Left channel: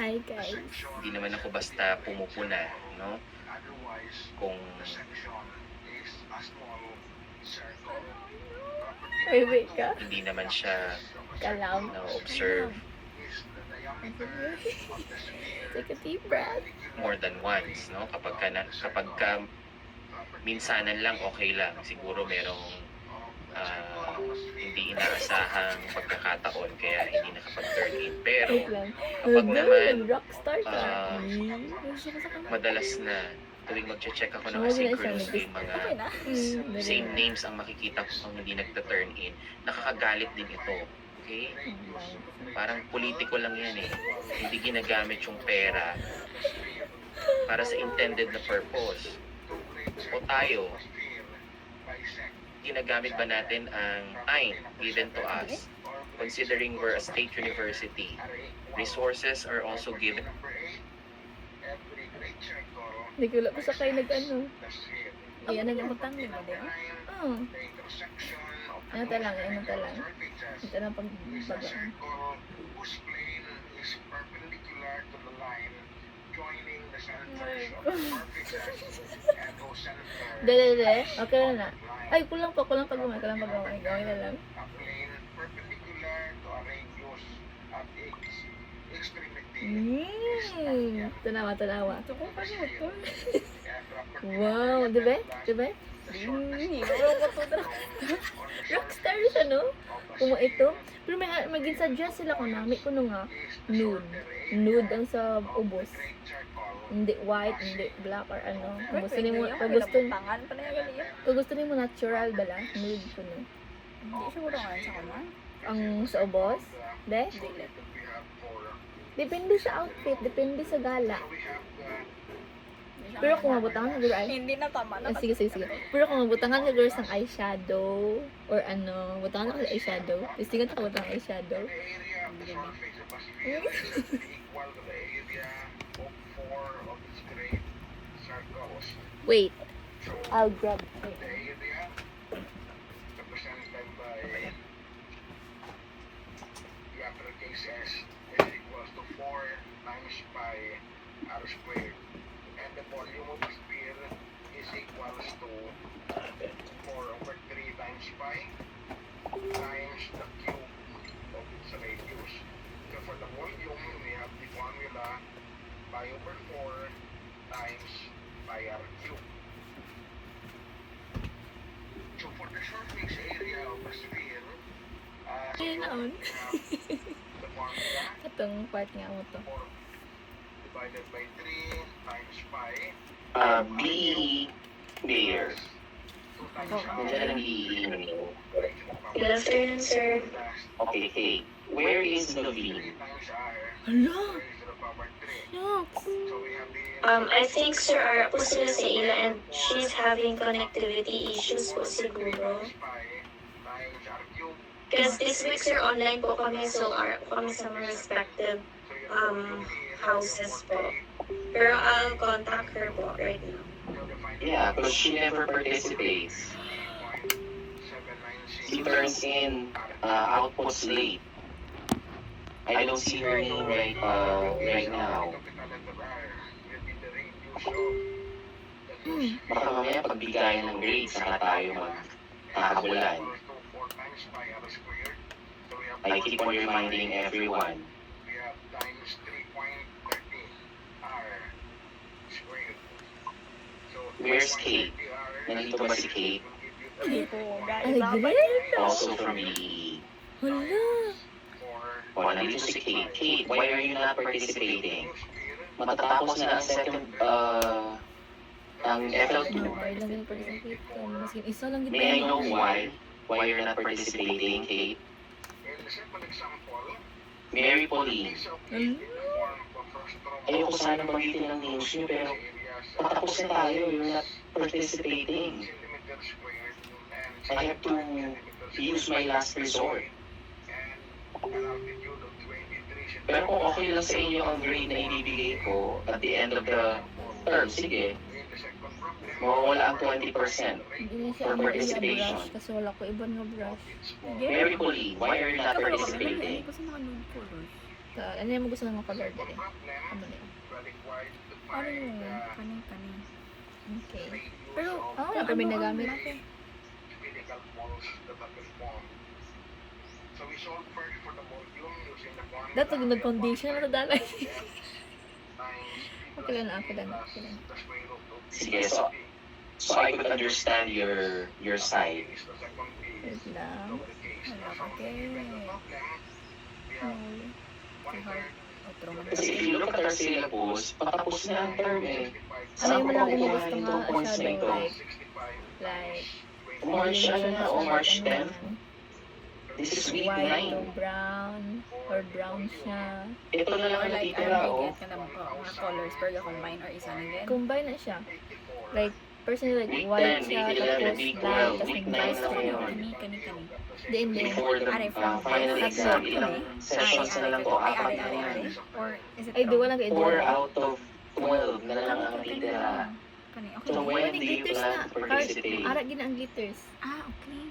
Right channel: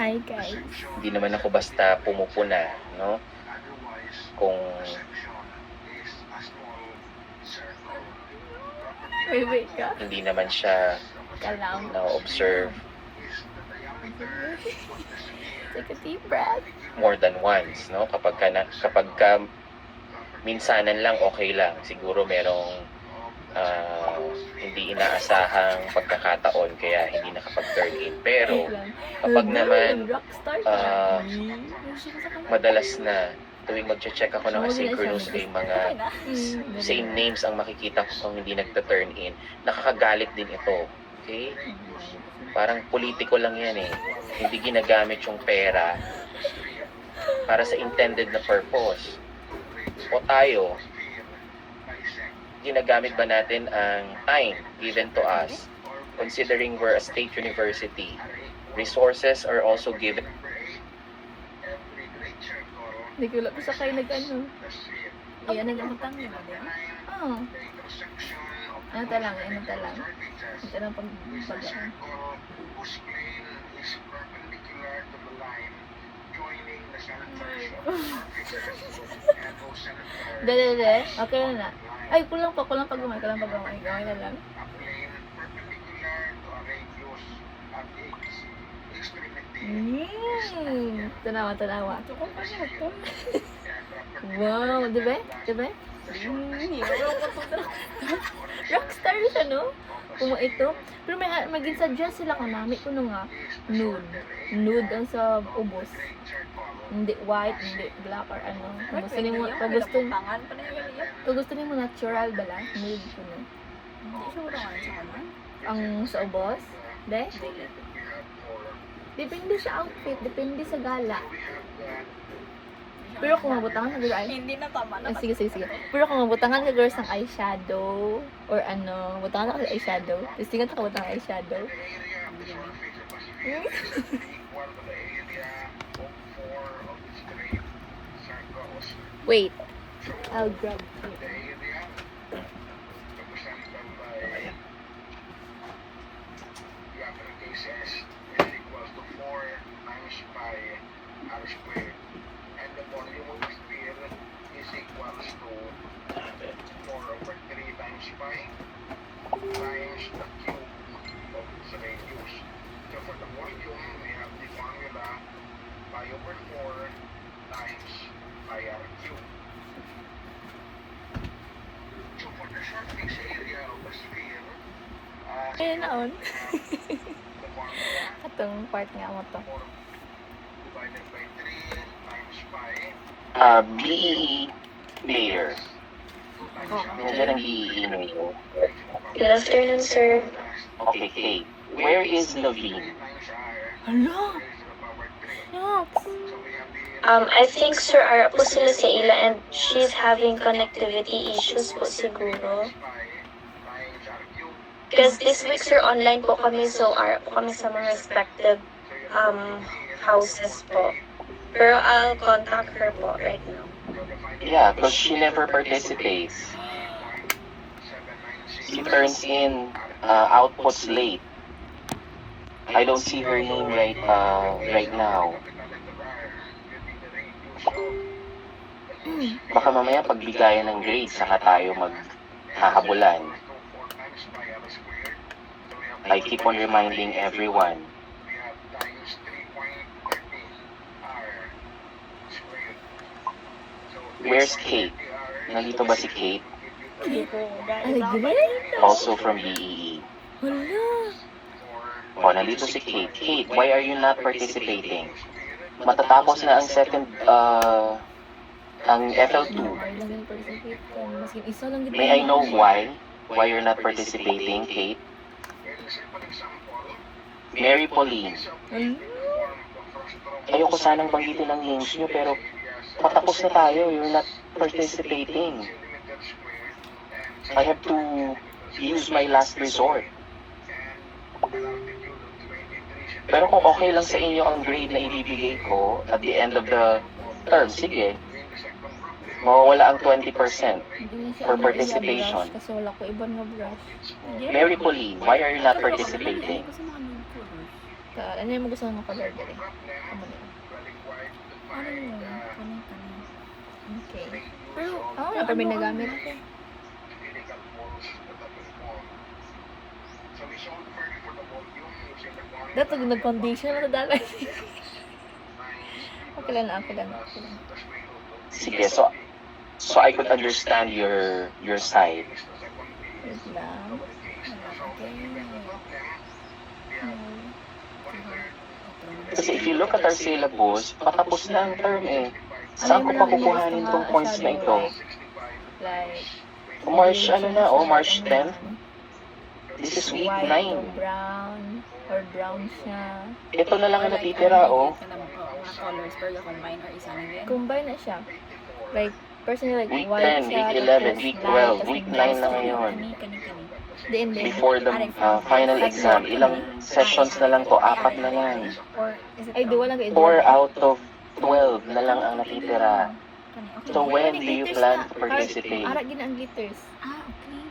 Hi guys. Hindi naman ako basta pumupuna, no? Kung Wait ka. hindi naman siya Kalam. na-observe Take a deep breath. more than once, no? Kapag minsanan lang, okay lang. Siguro merong hindi inaasahang pagkakataon kaya hindi nakapag-turn in. Pero Wait lang. kapag naman Rockstar ka. madalas na tuwing mag-check ako ng asynchronous may mga same names ang makikita ko kung hindi nagta-turn in, nakakagalit din ito. Okay? Parang politiko lang yan eh. Hindi ginagamit yung pera para sa intended na purpose. O tayo, ginagamit ba natin ang time given to us, considering we're a state university? Resources are also given. Hindi ko wala pa sa kayo nag-ano. Iyan nag-amutang yun ba din? Oo. Ano talang, ano talang. Ito na pag-bagaan. Dede, okay na na. Ay, kulang pag-gamay, Gamay na lang. Tanawa. Wow, diba? Rockstar siya, no? Kung ito. Pero maging suggest sila kung nami ko nga nude ang sa ubos. Hindi white, hindi black or ano. Kung gusto niyo natural bala, nude ko no. Hindi siguro nga sa kanan. Ang sa ubos, de? Depende sa outfit, depende sa gala. Pero kung mabutangan siguro ay Hindi na tama na. sige. Pero kung mabutangan siguro sang eyeshadow or ano, butangan ako sa eyeshadow. Gusto nga ka butang eyeshadow. Wait. I'll grab it. Ayun na on. Atong part nga mo to. BEE Mayor. Nandiyan ang BEE Mayor. Good afternoon, sir. Okay, hey. Where is Naveen? Hala! Shucks! I think Sir Ara po sila sa ila and she's having connectivity issues po siguro. Because this week, sir, online po kami, so Ara po kami sa mga respective houses po. Pero I'll contact her po right now. Yeah, because she never participates. She turns in outputs late. I don't see her name right now. Baka mamaya pagbigayan ng grades, saka tayo magkakabulan. I keep on reminding everyone. Where's Kate? Nandito ba si Kate? Hindi po. Ay, great! Also from BEE. Hala! O, nandito si Kate. Kate, why are you not participating? Matatapos na ang second, ang FL2. Ay, lang din participate ka. Maskin isa lang kita. May I know why? Why you're not participating, Kate? Mary Pauline. Ayoko sanang banggitin ang names niyo, pero patapos na tayo. You're not participating. I have to use my last resort. Pero kung okay lang sa inyo ang grade na ibibigay ko at the end of the term, sige. Mawawala ang 20% Hindi for siya participation. brush kasi wala ko ibang nga brush. Mary Pauline, why are you not participating? Kasi mga nude colors. Ano yung gusto nga color dali? Amo na yun. Ano yun? Kani. Okay. Pero, Wala pa may nagamit. Dato nag-condition na dalay. Okay lang. Sige, so I could understand your side. Wait lang. Okay. Kasi if you look at our syllabus, patapos na ang term eh. Ano Saan yung ko lang yung makukuha gusto ng nga 2 points na shadow ito? like March, ano na, March ano 10? yan, This is week white o 9. brown or brown siya. Ito na lang ang natitira, oh. Mga colors, pero combine or isa lang yan. Combine na siya. Like, personally, like, Week white 10, siya, week 11, tapos week light, 12, tapos week may 9 bright na sa ngayon. Kani. Then, Before the final exam, ilang sessions na lang to? 4 na yan. Or is it ay, di walang 4 out of 12 na lang ang natitira. Kani, okay. So, when do you plan to participate? Ara, gina ang glitters. Okay.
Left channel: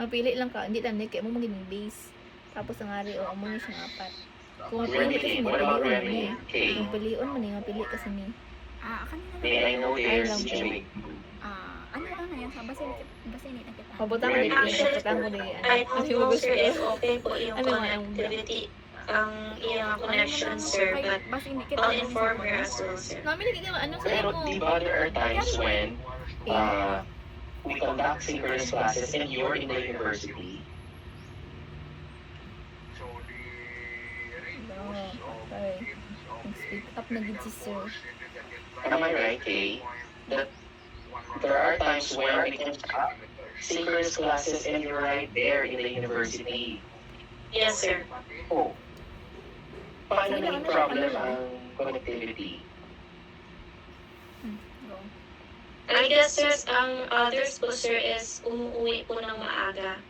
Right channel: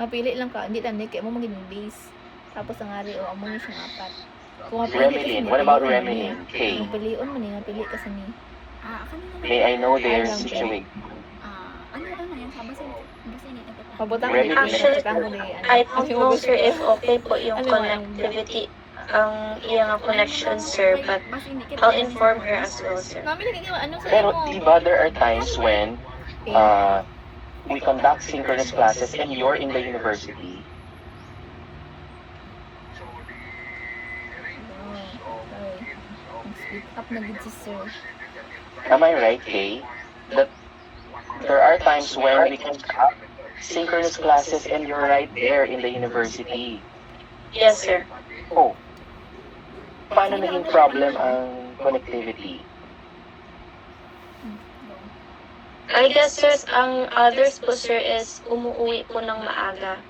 Mapili lang ka, hindi lang, kaya mo magiging base. Tapos ang ari, o amo niya siyang 4. Kung mapili kasi Remedy, ni, what about pilion man remedy? ni. Okay. Kung pilion man ni, mapili kasi ni. Kanina May I know their Alam ko. situation. ano yan? Basta init na kita. Mabutang mo din, Actually, mabutang mo din. I don't know, sir, if okay po yung Ano mo, ang connectivity, ang iyong connection, sir, but Basta hindi kita. I'll inform her as well, sir. Mami, nagiging ano sa Pero mo? diba there are times when we conduct synchronous classes and you're in the university. Okay. Nag-speak up na gid si sir. Am I right, Kay? That there are times where we conduct synchronous classes and you're right there in the university. Yes, sir. Oh. Paano naging problem ang connectivity? I guess, sir, ang others po, sir, is umuwi po ng maaga.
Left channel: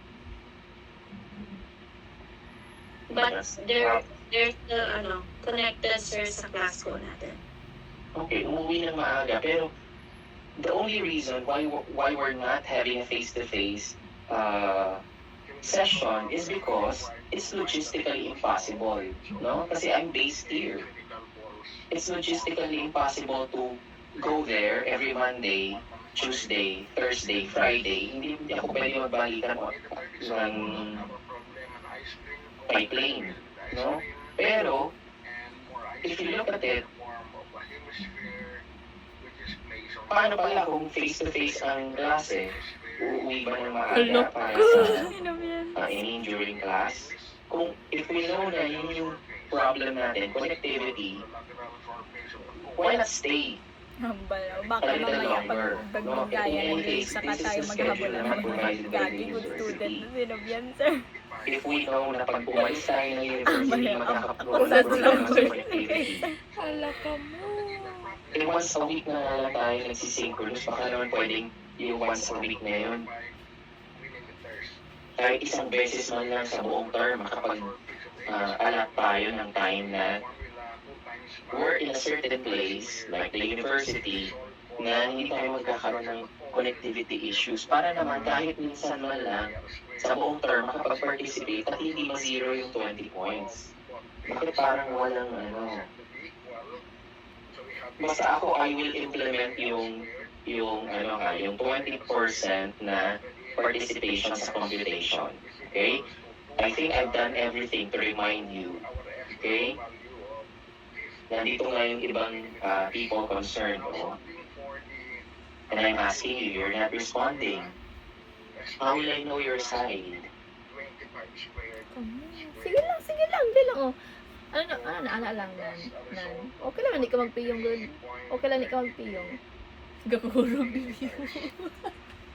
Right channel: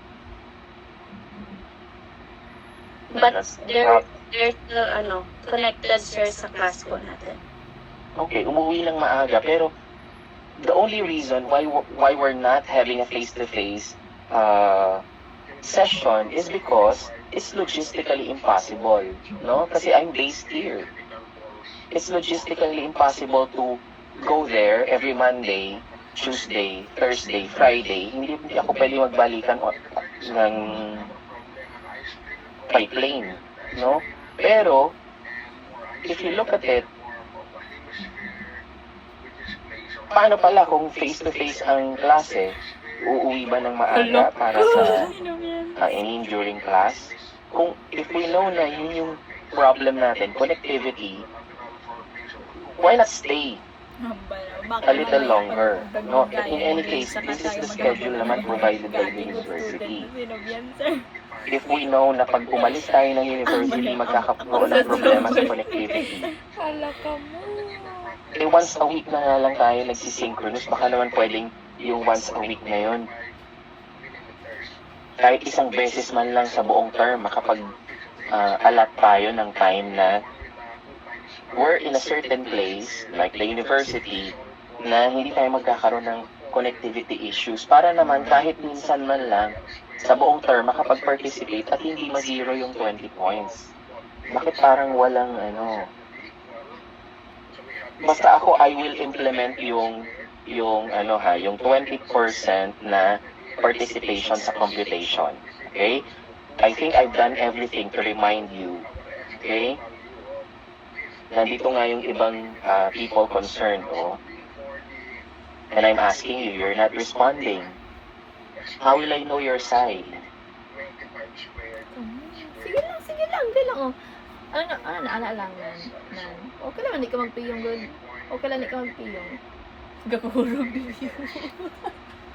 But they're still, connected, sir, sa class po natin. Okay, umuwi ng maaga, pero the only reason why we're not having a face-to-face session is because it's logistically impossible, no? Kasi I'm based here. It's logistically impossible to go there every Monday, Tuesday, Thursday, Friday. Hindi ako pwede magbalikan ng by plane, no? Pero if you look at it, paano pala kung face-to-face ang klase? Uuwi ba ng maaga para sa during class? Kung if we know na yun yung problem natin, connectivity, why not stay Baka a little mamaya longer? pag No? In gaya any ng case, saka this tayo is the schedule maghahabol naman ng provided by the gagi good student university. na sinubyan, sir. If we know na pag umalis tayo ng university, Ako magkakaroon sa ng problema sa connectivity. Hala ka mo. Eh, once a week na nga lang tayo nagsisynchronous, baka naman pwedeng yung once a week na yun. Kahit isang beses man lang sa buong term, makapag-allot tayo ng time na we're in a certain place, like the university, na hindi tayo magkakaroon ng connectivity issues para naman kahit minsan man lang sa buong term makapag-participate at hindi ma-zero yung 20 points. Bakit parang walang basta ako I will implement yung 20% na participation sa computation. Okay? I think I've done everything to remind you. Okay? Nandito nga yung ibang people concerned, and I'm asking you, you're not responding. How will I know your side? Sige lang, di lang, oh. Naala lang, nan. Okay lang, hindi ka magpiyong, good. Okay lang, hindi ka magpiyong. Gakurog din yun.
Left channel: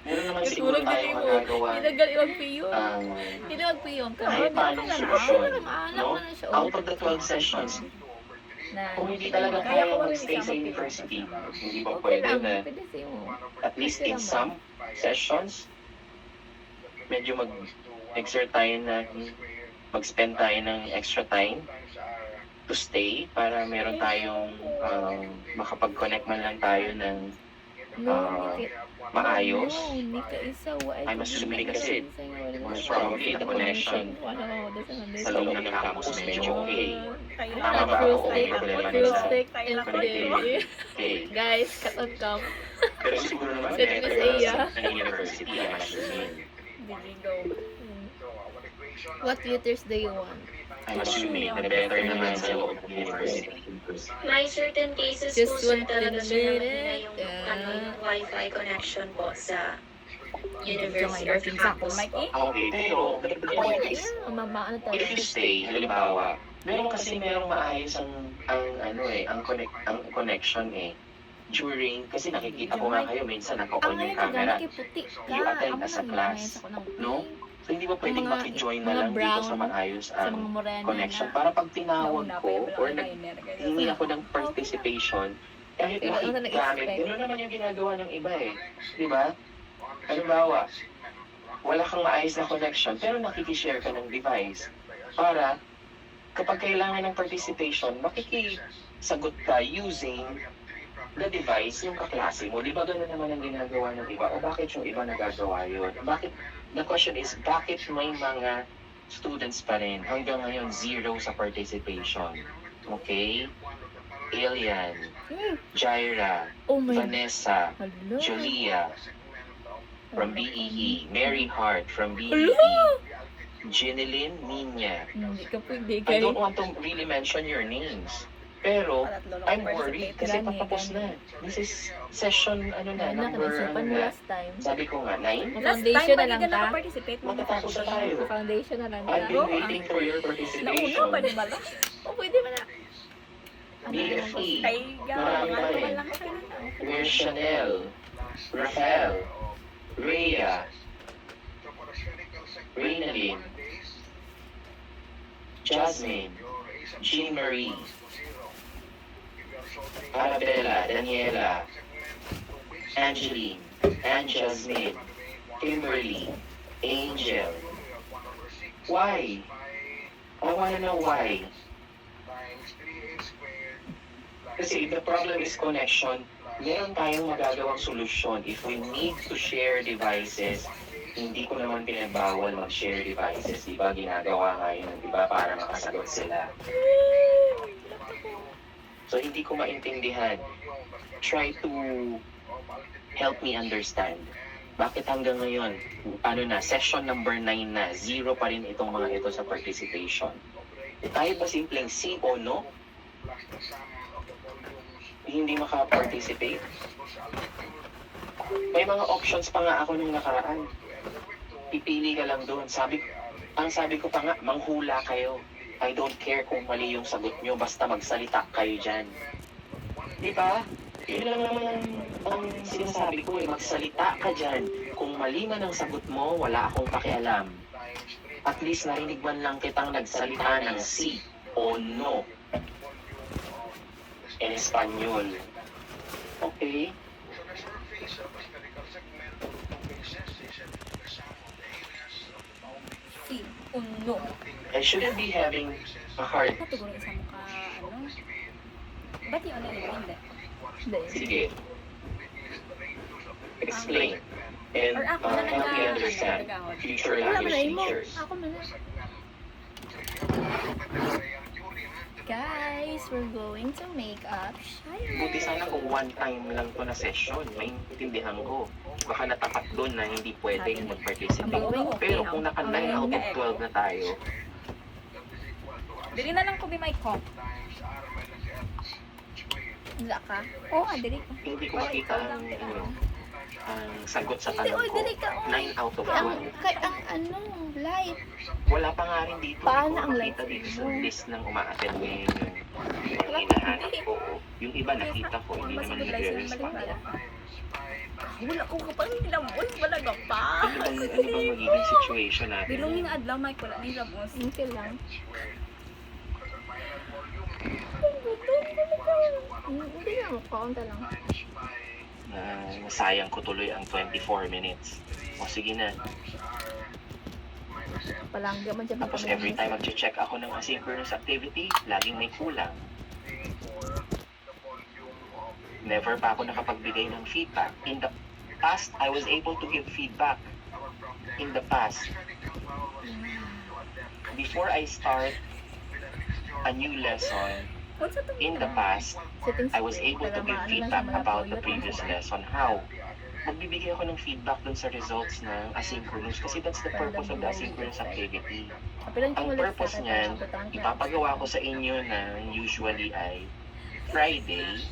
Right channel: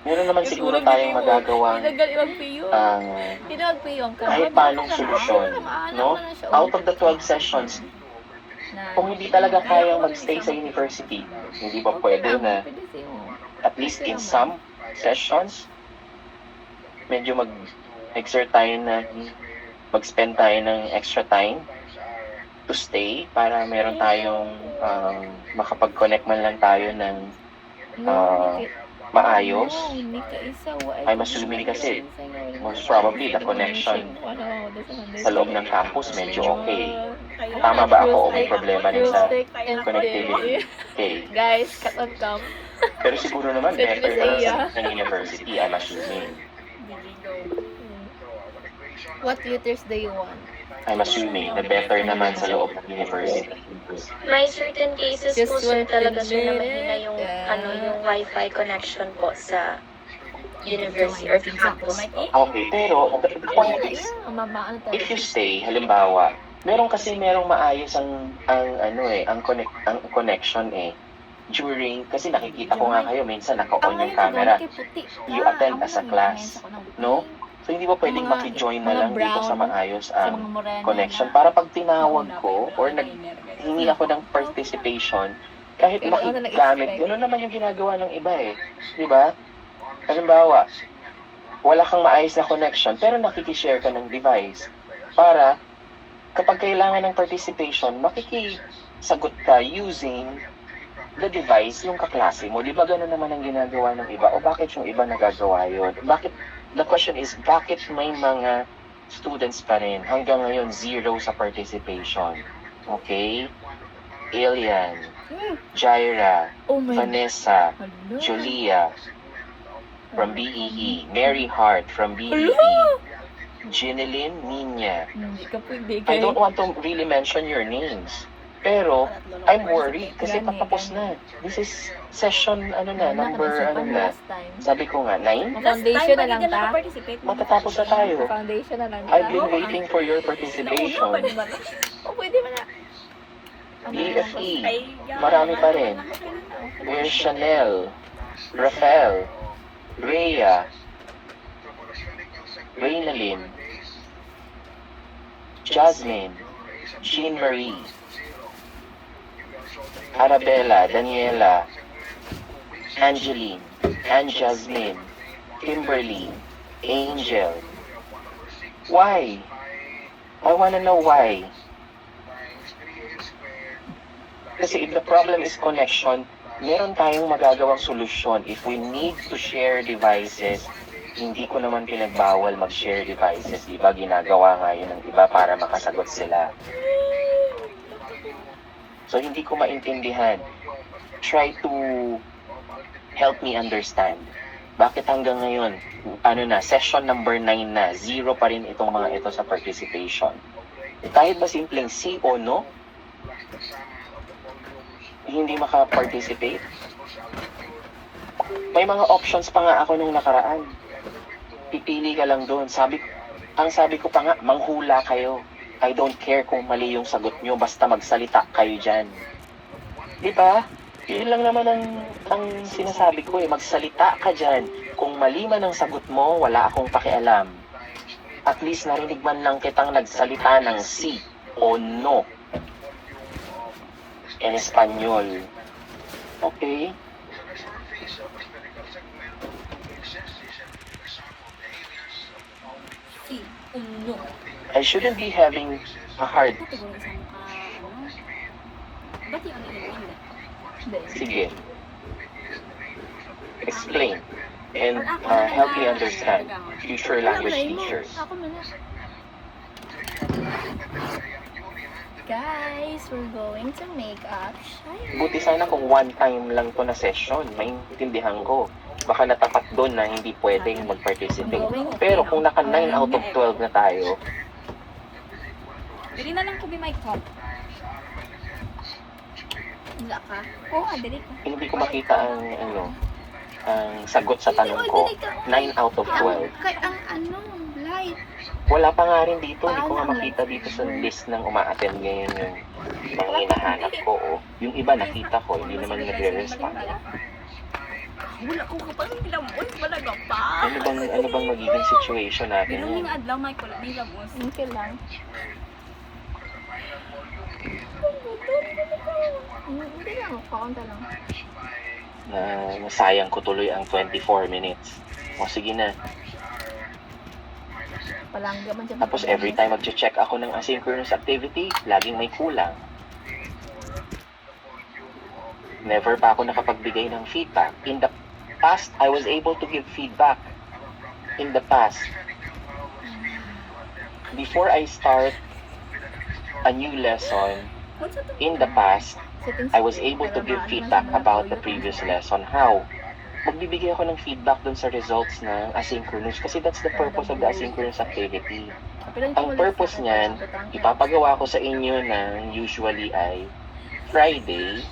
Meron naman siguro tayong magagawa Hinagal magpiyong. ang Hinagpiyong ka. kahit paanong solusyon. Maalam No? mo na siya. Out of the 12 sessions, kung hindi talaga kaya mag-stay sa university, hindi ba Okay pwede lang, na pwede sa'yo. at least in some sessions, medyo mag-exert tayo na mag-spend tayo ng extra time to stay para meron tayong makapag-connect man lang tayo ng No, hindi. maayos. No, hindi ka isa. I'm assuming kasi, most probably, the connection sa loob ng campus medyo okay. Tama ba ako o may problema din sa connectivity? Okay. Guys, cut on cam. Pero siguro naman, Sa better Trisaya. sa university, I'm assuming. What tutors do you want? I'm assuming na better naman sa loob ng university. May certain cases Just po sir 1 talaga sir minute. yung, yung wifi connection po sa university or campus po. Okay, pero the point is, Ano tayo? if you say, halimbawa, merong maayos ang connection during, kasi nakikita ko nga kayo, minsan Ang naka-on yung ngayon, camera. kay puti. You attend as a class, no? So, hindi mo pwedeng Mga- makijoin mga na lang dito brown, sa maayos Sa ang mga morena connection. na. Para pag tinawag ko, or hingi ako ng participation, kahit Pero ako makigamit, nag-expect. gano'n naman yung ginagawa ng iba Di ba? Halimbawa, wala kang maayos na connection, pero nakikishare ka ng device para kapag kailangan ng participation, makikisagot ka using the device yung kaklase mo. Di ba gano'n naman ang ginagawa ng iba? O bakit yung iba nagagawa yun? The question is, bakit may mga students pa rin hanggang ngayon 0 sa participation? Okay? Alien, Jaira, Oh my Vanessa, Hello. Julia from BEE, Mary Hart from BEE, Hello. Ginelyn Nina. Hindi ka pwede I kay. don't want to really mention your names. Pero, I'm worried kasi patapos na. This is session, number, Nakasipan last time. Sabi ko nga, 9? Foundation na lang ta. Matatapos na tayo. Foundation na lang ta. I've been waiting for your participation. Oh, pwede ba na? BFE, marami pa rin. There's Chanel, Rafael, Rhea, Reynalyn, Jasmine, Jean Marie, Arabella, Daniela, Angeline, Anne Jasmine, Kimberly, Angel. Why? I wanna know why. Kasi if the problem is connection, meron tayong magagawang solusyon. If we need to share devices, hindi ko naman pinagbawal mag-share devices. Diba ginagawa nga yun ng iba para makasagot sila. So hindi ko maintindihan. Try to help me understand. Bakit hanggang ngayon, session number 9 na, 0 pa rin itong mga ito sa participation. Kahit ba simpleng sí o no, hindi maka-participate. May mga options pa nga ako nung nakaraan. Pipili ka lang doon. Ang sabi ko pa nga, manghula kayo. I don't care kung mali yung sagot nyo, basta magsalita kayo dyan. Di ba? Yun lang naman ang sinasabi ko magsalita ka dyan. Kung mali man ang sagot mo, wala akong pakialam. At least narinig man lang kitang nagsalita ng sí o no. En Espanyol. Okay? Si, uno. I shouldn't be having a hard... Siguro isang ba't yun na yun? Hindi. Hindi. Sige. Explain. And Or ako help me understand future Wala language ba na mo? teachers. Ako na na. Guys, we're going to make up Shire. Buti sana kung one time lang to na session, maintindihan ko. Baka natapat doon na hindi pwedeng mag-participate. Pero kung naka 9 out of 12 na tayo, Dili na lang ko may call. Wala ka? Oo, dili ka. hindi ko makita ang sagot sa tanong ko. 9 out of 12. Ang light. Wala pa nga rin dito. Hindi ko Paano nga ang makita light? dito sa list ng uma-attend ngayon yung mga hinahanap ko. Yung iba nakita ko, hindi naman nagre-respond. Wala ko kapag nilamos, malaga pa. Ano bang magiging situation natin? Bilungin adlaw, may kulat nilamos. Okay lang. Hindi lang, kaunta lang. Na nasayang ko tuloy ang 24 minutes. O sige na. Palangga man dyan. Tapos every time mag-check ako ng asynchronous activity, laging may kulang. Never pa ako nakapagbigay ng feedback. In the past, I was able to give feedback in the past. Before I start a new lesson, Unsa to? in the past, Settings I was play, able to para give maano lang feedback siya, about the malatoyot previous lang siya. lesson. How? Magbibigay ako ng feedback dun sa results ng asynchronous kasi that's the purpose of the asynchronous activity. Pero yung Ang tumulad sa purpose akin, niyan, pala, butang ka. ipapagawa ko sa inyo ng usually ay Friday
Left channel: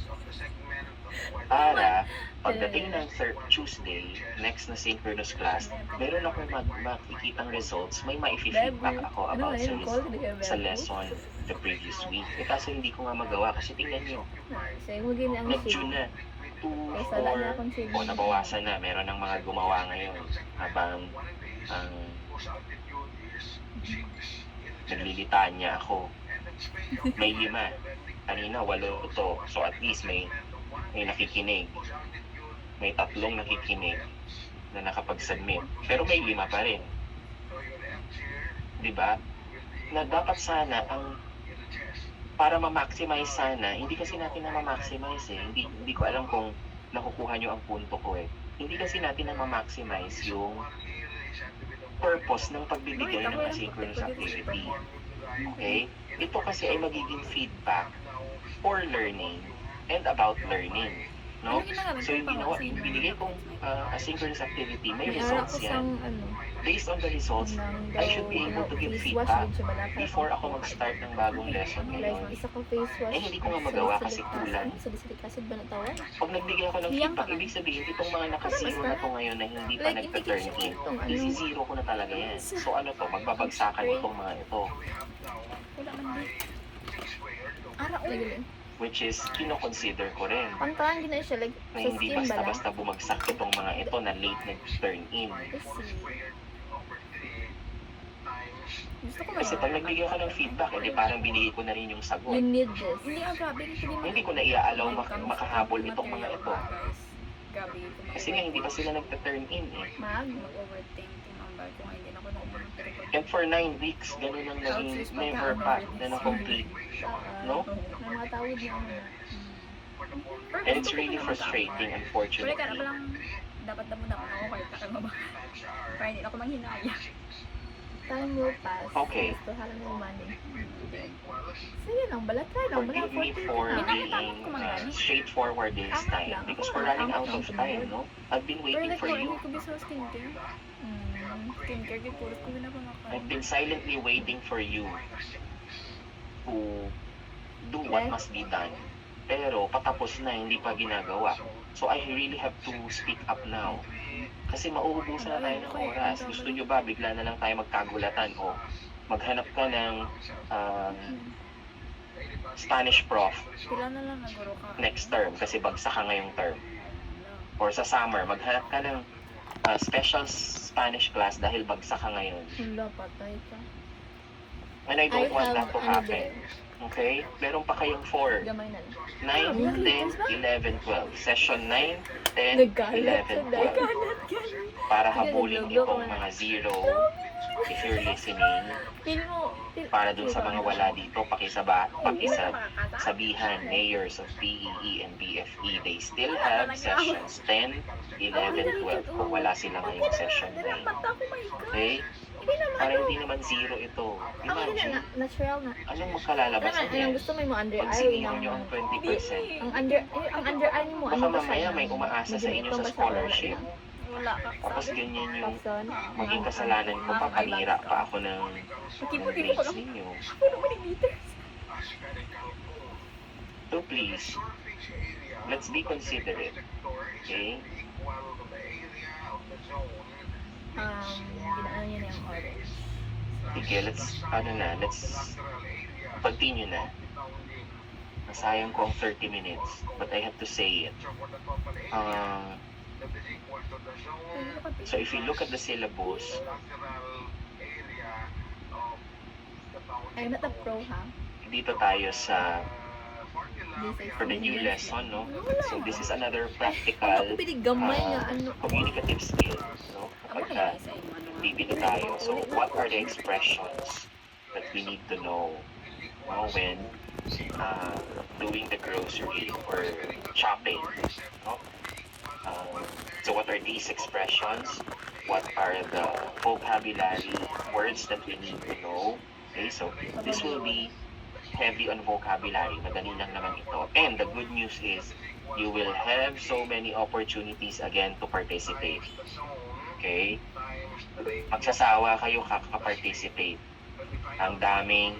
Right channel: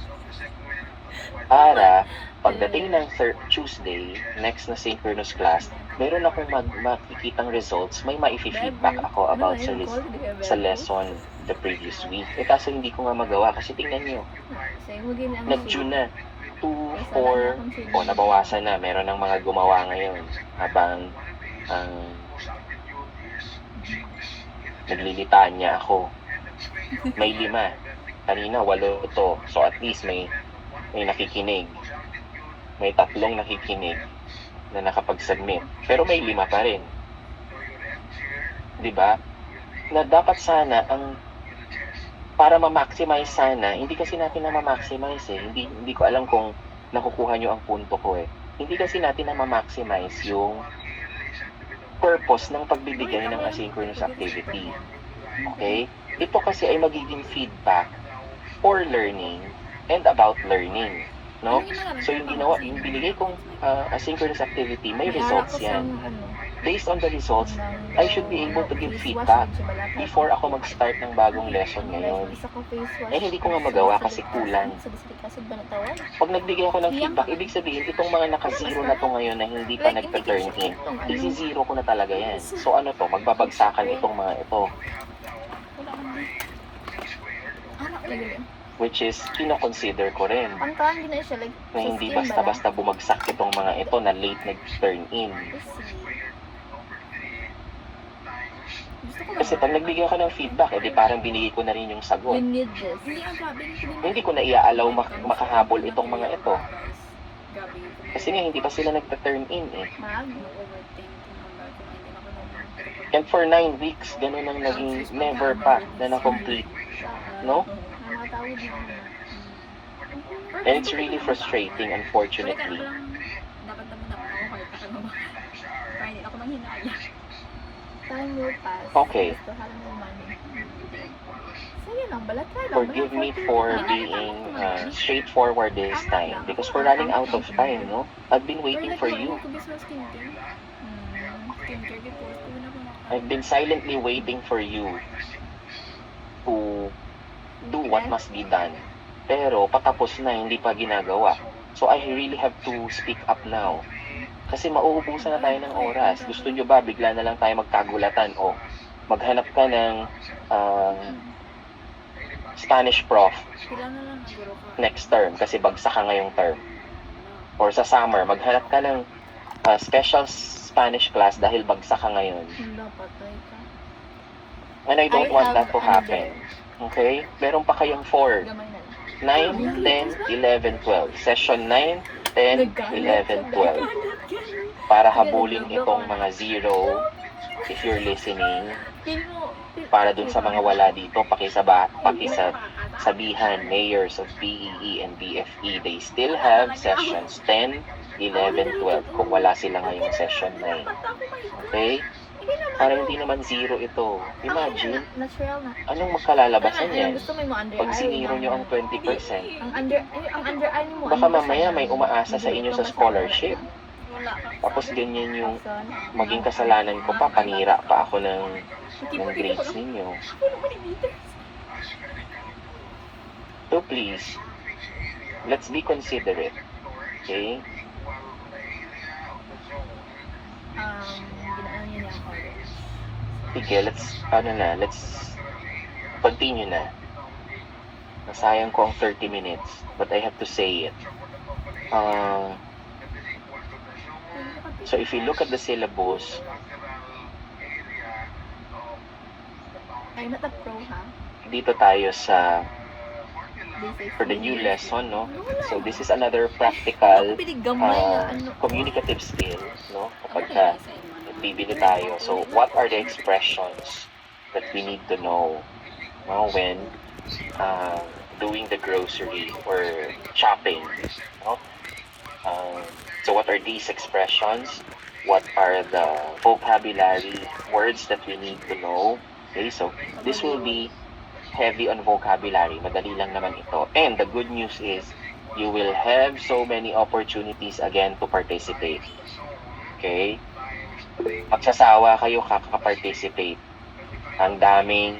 para pagdating ng Tuesday, next na synchronous class, meron akong makikitang results, may ma-feedback ako Ano, about sa, ayun, call, di ka sa bebo. lesson the previous week. Eh kaso hindi ko nga magawa kasi tingnan nyo, Sa'yo mo gini ang nag-June na. 2, Kaysa wala na 4, akong shade. o nabawasan na. Meron ng mga gumawa ngayon habang ang naglilitaan niya ako. May 5. Kanina 8 ito. So at least may nakikinig. May 3 nakikinig na nakapag-submit. Pero may 5 pa rin. 'Di ba? Na dapat sana ang para ma-maximize sana, hindi kasi natin na ma-maximize eh. Hindi ko alam kung nakukuha nyo ang punto ko eh. Hindi kasi natin na ma-maximize yung purpose ng pagbibigay ng asynchronous activity. Okay? Ito kasi ay magiging feedback for learning and about learning. No? So yung ginawa, yung binigay kong asynchronous activity, may May ara results ko sang yan. ano. Based on the results, I should be able to give feedback before ako mag-start ng bagong lesson ngayon. Isa ka face wash. Eh, hindi ko nga magawa kasi kulang. Salicylic acid ba natawag? Pag nagbigay ako ng feedback, ibig sabihin, itong mga naka-zero na to ngayon na hindi pa Like, nagpa-turn in, itong ano. isi-zero ko na talaga yan. So ano to, magbabagsakan itong mga ito, Wala man di. Ara Lagi lang. which is, kinoconsider ko rin Pantahan gina siya like na sa hindi skin bala. basta-basta bumagsak itong mga ito na late nag-turn in. Gusto ko Kasi pag nagbigay ako ng feedback, edi parang binigay ko na rin yung You sagot. need this. Hindi ang grabe Hindi ko na iaalaw makahabol itong mga ito. Gabi ko. Kasi nga, hindi pa sila nagta-turn in eh. Mag. Overthink tumambal ko nga hindi na ako naging pero pag And for 9 weeks, ganun ang naging never pa na na-complete. No? May mga tawag na ano na. And it's really frustrating, Wala ka na unfortunately. lang dapat naman ako kahit ka ba. Kaya hindi ako manghinaya. Time will pass. Okay. Gusto halang yung money. Sige lang, bala try lang. Bala Forgive me for being straightforward this time because we're running out of time, no? I've been waiting for you. Ko bisa skincare. Skincare gid puro ko na pamakain. I've been silently waiting for you to do what must be done. Pero patapos na, hindi pa ginagawa. So I really have to speak up now. Kasi mauubusan na tayo ng oras. Gusto nyo ba, bigla na lang tayo magkagulatan o maghanap ka ng Spanish prof Pila na lang naguro ka. next term kasi bagsak ka ngayong term. Or sa summer, maghanap ka ng special Spanish class dahil bagsak ka ngayon. Wala, patay ka. And I don't want that to ano happen. Okay? Meron pa kayong 4. Gamay na lang. 9, 10, 11, 12. Session 9, 10, 11, 12. Para habulin itong mga 0. If you're listening, Feel mo, para dun sa mga wala dito, pakisabihan, mayors of BEE and BFE, they still have sessions 10, 11, 12 kung wala sila ngayong session 9. Okay? Para hindi naman 0 ito. Imagine, natural na. anong magkalalabasan Anong yan? gusto mo yung under Pag eye? siniro nyo ang 20%, Ang under eye mo, baka mamaya may umaasa sa inyo sa scholarship. Wala ka. Tapos ganyan yung Kapson. maging kasalanan ko pa, panira pa ako ng grades ninyo. Puno mo ni meters. So please, let's be considerate. Okay? Ginaan niya niya ang orange. Sige, let's continue na. Nasayang ko ang 30 minutes, but I have to say it. So if you look at the syllabus, I'm not a pro, ha? dito tayo sa This is for the new linear. lesson, no? So this is another practical Ako gamay nga, ano. communicative skill, no? Kapag bibili tayo. So what are the expressions that we need to know, no, when doing the grocery or shopping, no? So what are these expressions? What are the vocabulary words that we need to know? Okay, so this will be heavy on vocabulary. Madali lang naman ito. And the good news is, you will have so many opportunities again to participate. Okay? Magsasawa kayo kaka-participate. Ang daming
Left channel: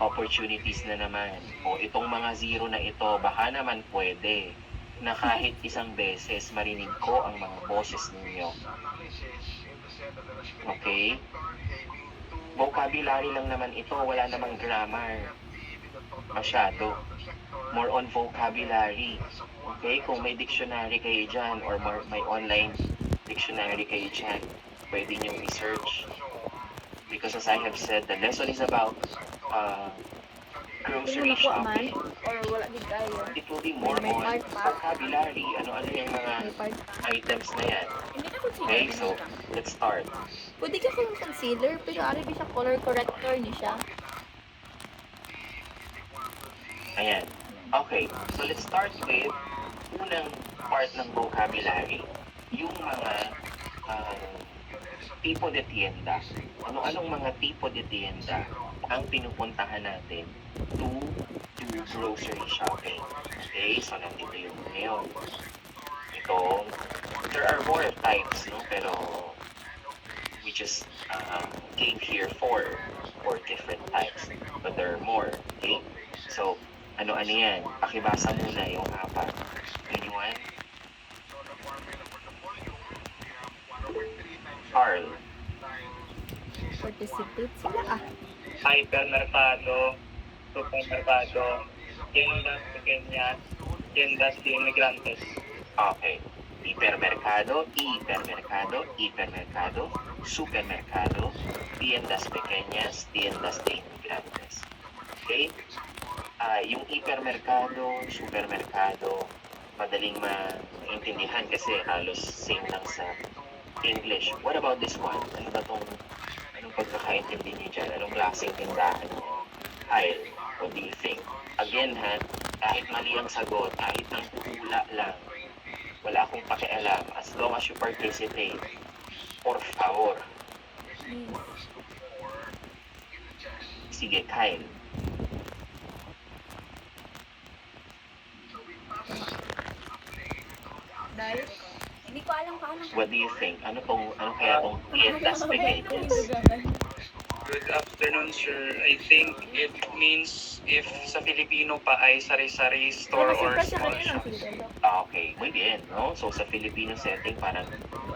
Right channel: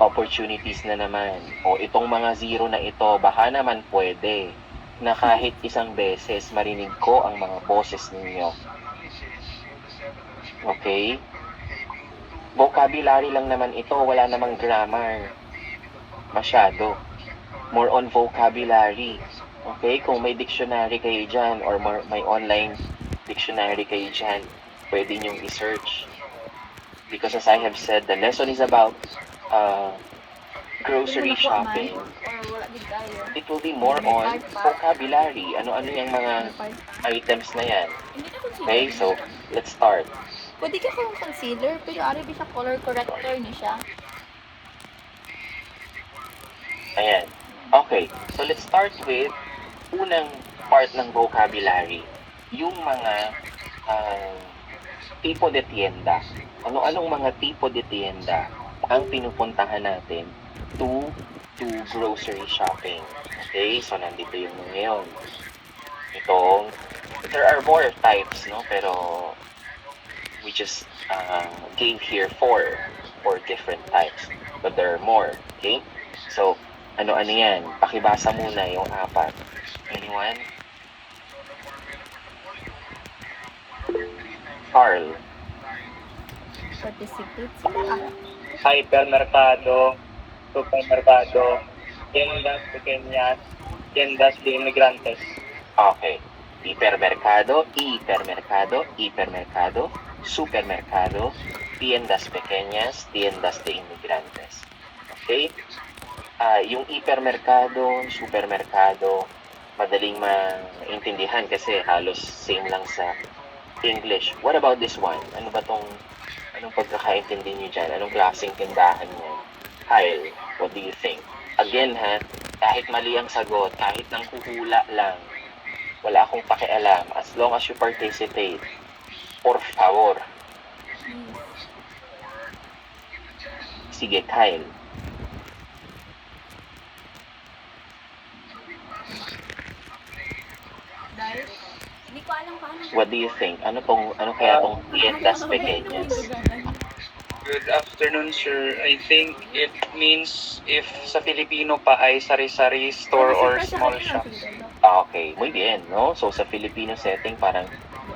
opportunities na naman. O itong mga zero na ito, baka naman pwede na kahit isang beses marinig ko ang mga boses ninyo. Okay? Vocabulary lang naman ito, wala namang grammar. Masyado. More on vocabulary. Okay? Kung may dictionary kayo dyan or may online dictionary kayo dyan, pwede nyo i-search. Because as I have said, the lesson is about grocery shopping. Or wala din tayo. It will be more May on part pa. vocabulary. Ano-ano yung mga May part pa. items na yan. Hindi na consider. Okay, so let's start. Pwede ka kung concealer, pero ari ba siya color corrector ni siya? Ayan. Okay, so let's start with unang part ng vocabulary. Yung mga tipo de tienda. Ano-anong mga tipo de tienda ang pinupuntahan natin to grocery shopping. Okay, so nandito yung ngayon. Itong, there are more types, no? Pero we just gave here four different types. But there are more, okay? So, ano-ano yan? Pakibasa muna yung apat. Anyone? Carl. Participate sila Hypermercado, supermercado, tiendas pequeñas, tiendas de inmigrantes. Okay. Hipermercado, hipermercado, supermercado, tiendas pequeñas, tiendas de inmigrantes. Okay? Yung hipermercado, supermercado, madaling maintindihan kasi halos same lang sa English. What about this one? Ano ba anong pagkakaintindi nyo dyan? Anong klaseng tindahan nyo? Kyle, what do you think? Again ha, kahit mali ang sagot, kahit nang huhula lang, wala akong pakialam. As long as you participate, por favor. Sige, Kyle. Dahil, Hindi ko alam paano. What do you think? Ano kaya tong tiendas pequeñas? Good afternoon, sir. I think it means if sa Filipino pa ay sari-sari store or kasi small kanina shop. sige. Okay, muy bien, no? So sa Filipino setting, parang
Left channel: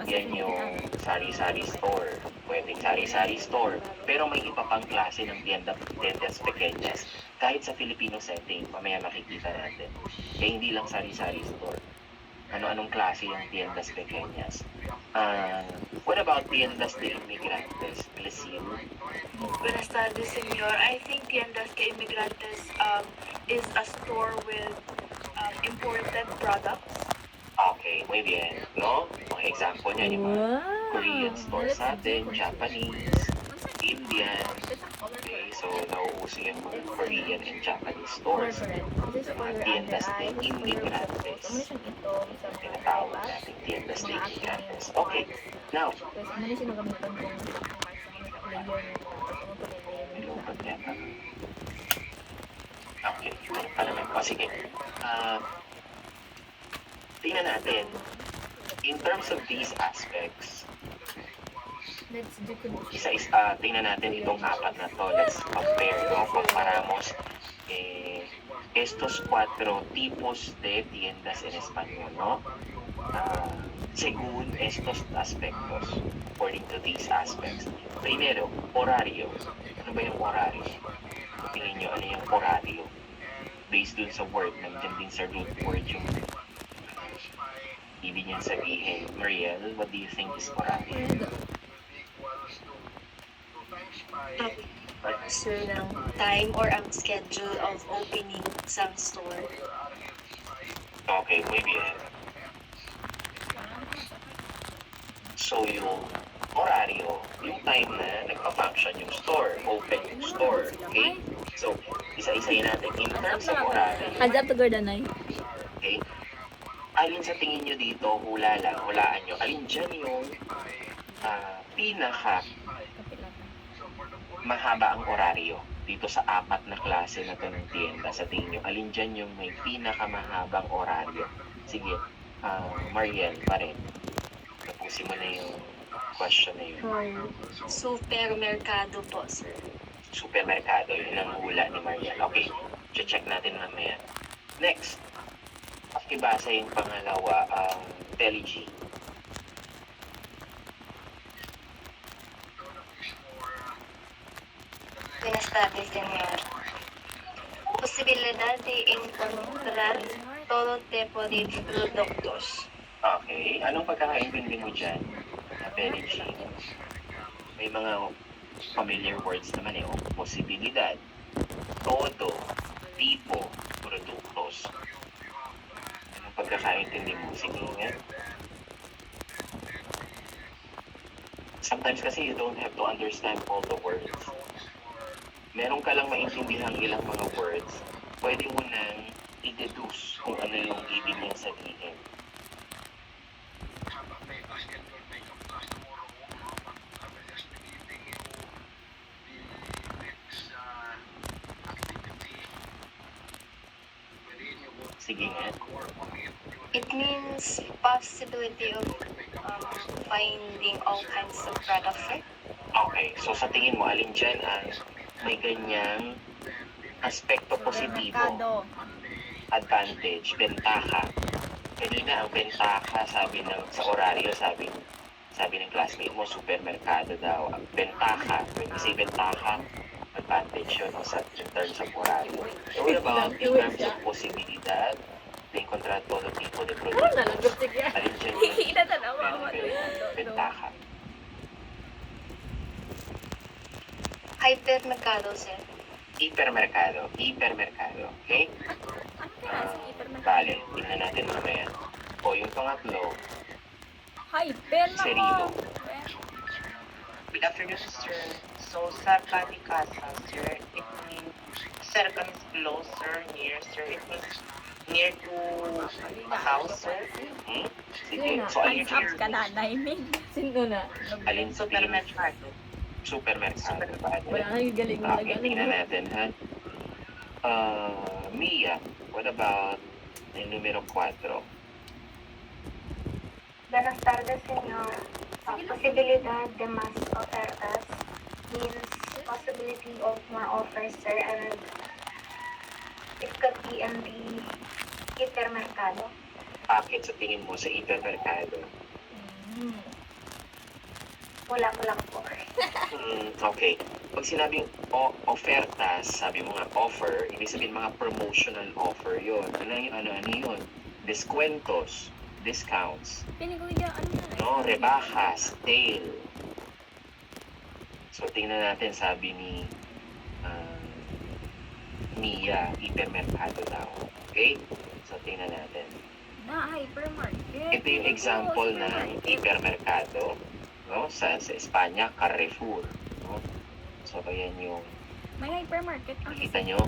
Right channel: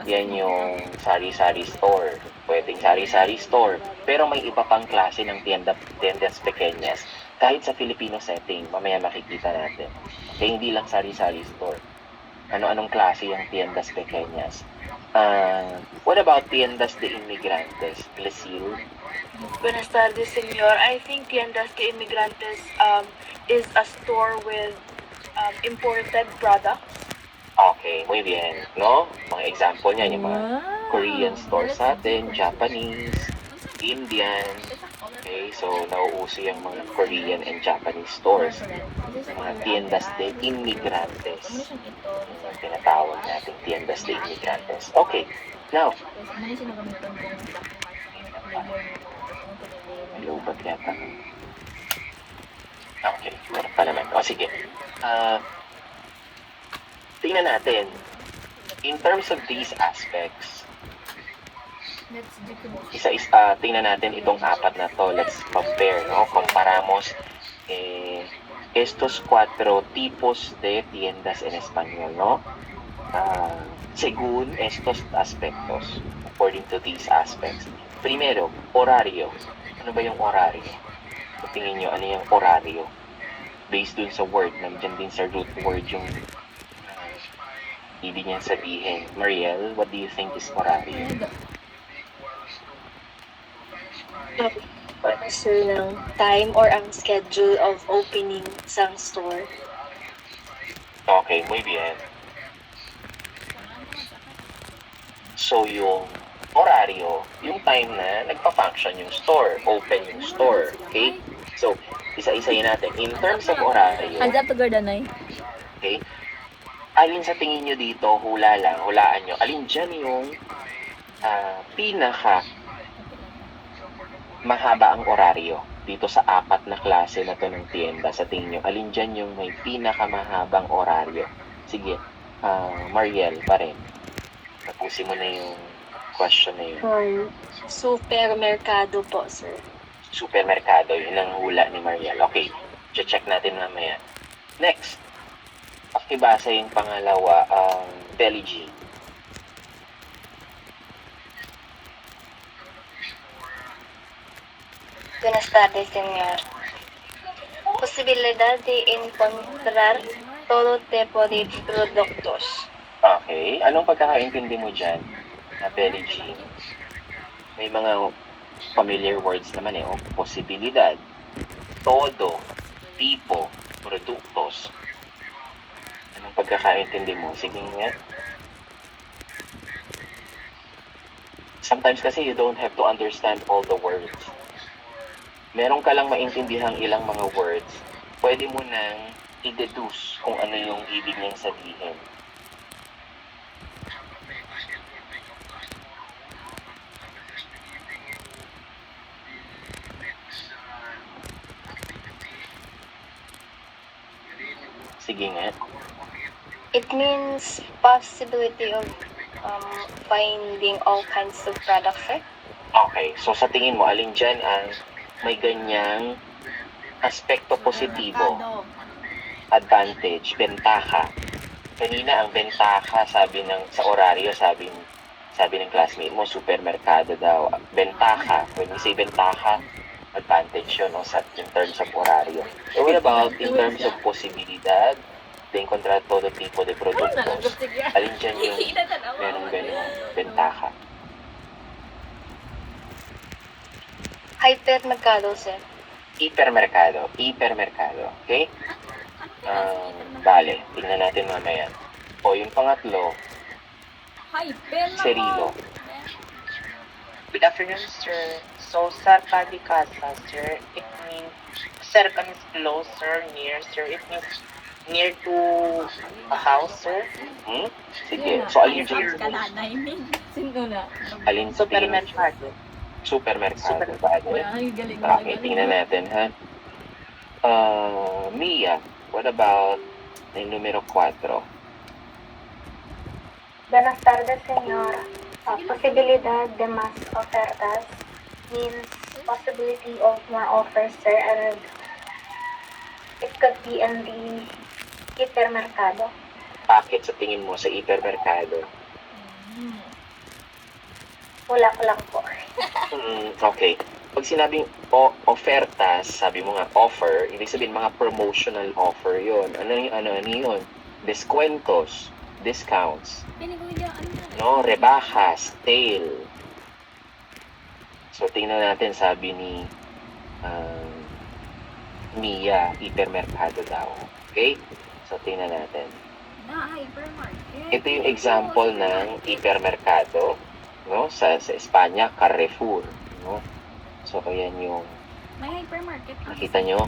yan yung sari-sari store. Pwedeng sari-sari store. Pero may iba pang klase ng tiendas pequeñas. Kahit sa Filipino setting, mamaya makikita natin. Kaya hindi lang sari-sari store. Ano-anong klase yung tiendas pequeñas? What about tiendas de inmigrantes? Lucille? Buenas tardes, señor. I think Tiendas de Inmigrantes is a store with imported products. Okay, muy bien, no? Mga example niyan, yung mga Wow! Korean stores That's natin, different. Japanese, Indian. Okay, so nauuso yung mga Korean and Japanese stores. This is for your Tiendas de under eye. inmigrantes. Amo na siyang ito. Tinatawag natin tiendas de inmigrantes. Okay, now, Tapos, amo na siya magamitan kung black and white sa mga layer nito. Tapos, amo to may layer nito. lupat yata. Okay, ano pa naman? O sige. Tingnan natin. In terms of these aspects, Let's definition. tingnan natin itong apat na to. Let's compare, no? Comparamos estos cuatro tipos de tiendas en español, no? Según estos aspectos, according to these aspects. Primero, horario. Ano ba yung horario? Tingin nyo, ano yung horario? Based dun sa word, nandiyan din sa root word yung ibig niyang sabihin. Mariel, what do you think is horario? Sir, ng time or ang schedule of opening sang store. Okay, muy bien. So, yung horario, yung time na nagpa-function yung store, open yung store, okay? So, isa-isayin natin. In terms of horario, Hands up to Gordanay. okay, alin sa tingin nyo dito, hulaan nyo, alin dyan yung pinaka mahaba ang oraryo dito sa 4 na klase na to ng tienda. Sa tingin nyo, alin dyan yung may pinakamahabang oraryo? Sige, Mariel pa rin. Tapusin mo na yung question na yun. Supermerkado po, sir. Supermerkado, yun ang hula ni Mariel. Okay, check natin mamaya. Next, pakibasa yung pangalawa, Belly G. Buenas tardes, señor. Posibilidad de encontrar todo tipo de productos. Okay, anong pagkakaintindi mo dyan, Belly G? May mga familiar words naman eh, posibilidad, todo, tipo, produktos. Anong pagkakaintindi mo? Sige nga. Sometimes kasi you don't have to understand all the words. Meron ka lang maintindihang ilang mga words, pwede mo nang i-deduce kung ano yung ibig niyang sabihin. Sige nga. It means possibility of finding all kinds of products, sir. Okay, so sa tingin mo, alin dyan ang may ganyang aspekto positibo, Merkado. advantage, bentaha. Kanina ang bentaha, sabi ng sa oraryo, sabi ng classmate mo, supermerkado daw. Bentaha, when we say bentaha, advantage yun no, in terms of oraryo. So what about in terms of posibilidad, de encontrar todo tipo de productos? Alin dyan yung Kikita na meron ganyan, bentaha? Hypermercado, sir. Hipermerkado, okay? Bale, tingnan natin mamaya. O yung pangatlo, Hyper na Serilo. Good afternoon, sir. So, sa Kalikasa, sir, it means, sir, comes closer, near, sir. It means near to a house, sir. Sige, so alin Up dyan? ka na, Naimig. Sino na? Alin sa tingin? Supermercado. Supermerkado. Bale. Wala nang galing Okay, tingnan natin, ha? Mia, what about yung numero 4? Buenas tardes, señor. Posibilidad de más ofertas means possibility of more offers, sir, and it could be in the hipermercado. Bakit sa tingin mo sa hipermerkado? Wala ko lang po. Okay. Pag sinabing ofertas, sabi mo nga offer, ibig sabihin mga promotional offer yon. Ano yun? Descuentos, discounts, Pinig ko yung ano yan. no? Rebajas, sale. So, tingnan natin, sabi ni Mia, hipermerkado daw. Okay? So, tingnan natin. Na, hypermarket. Ito yung example ng hipermerkado, no? Sa Espanya, Carrefour, no? So, ayan yung, May hypermarket. nakita nyo,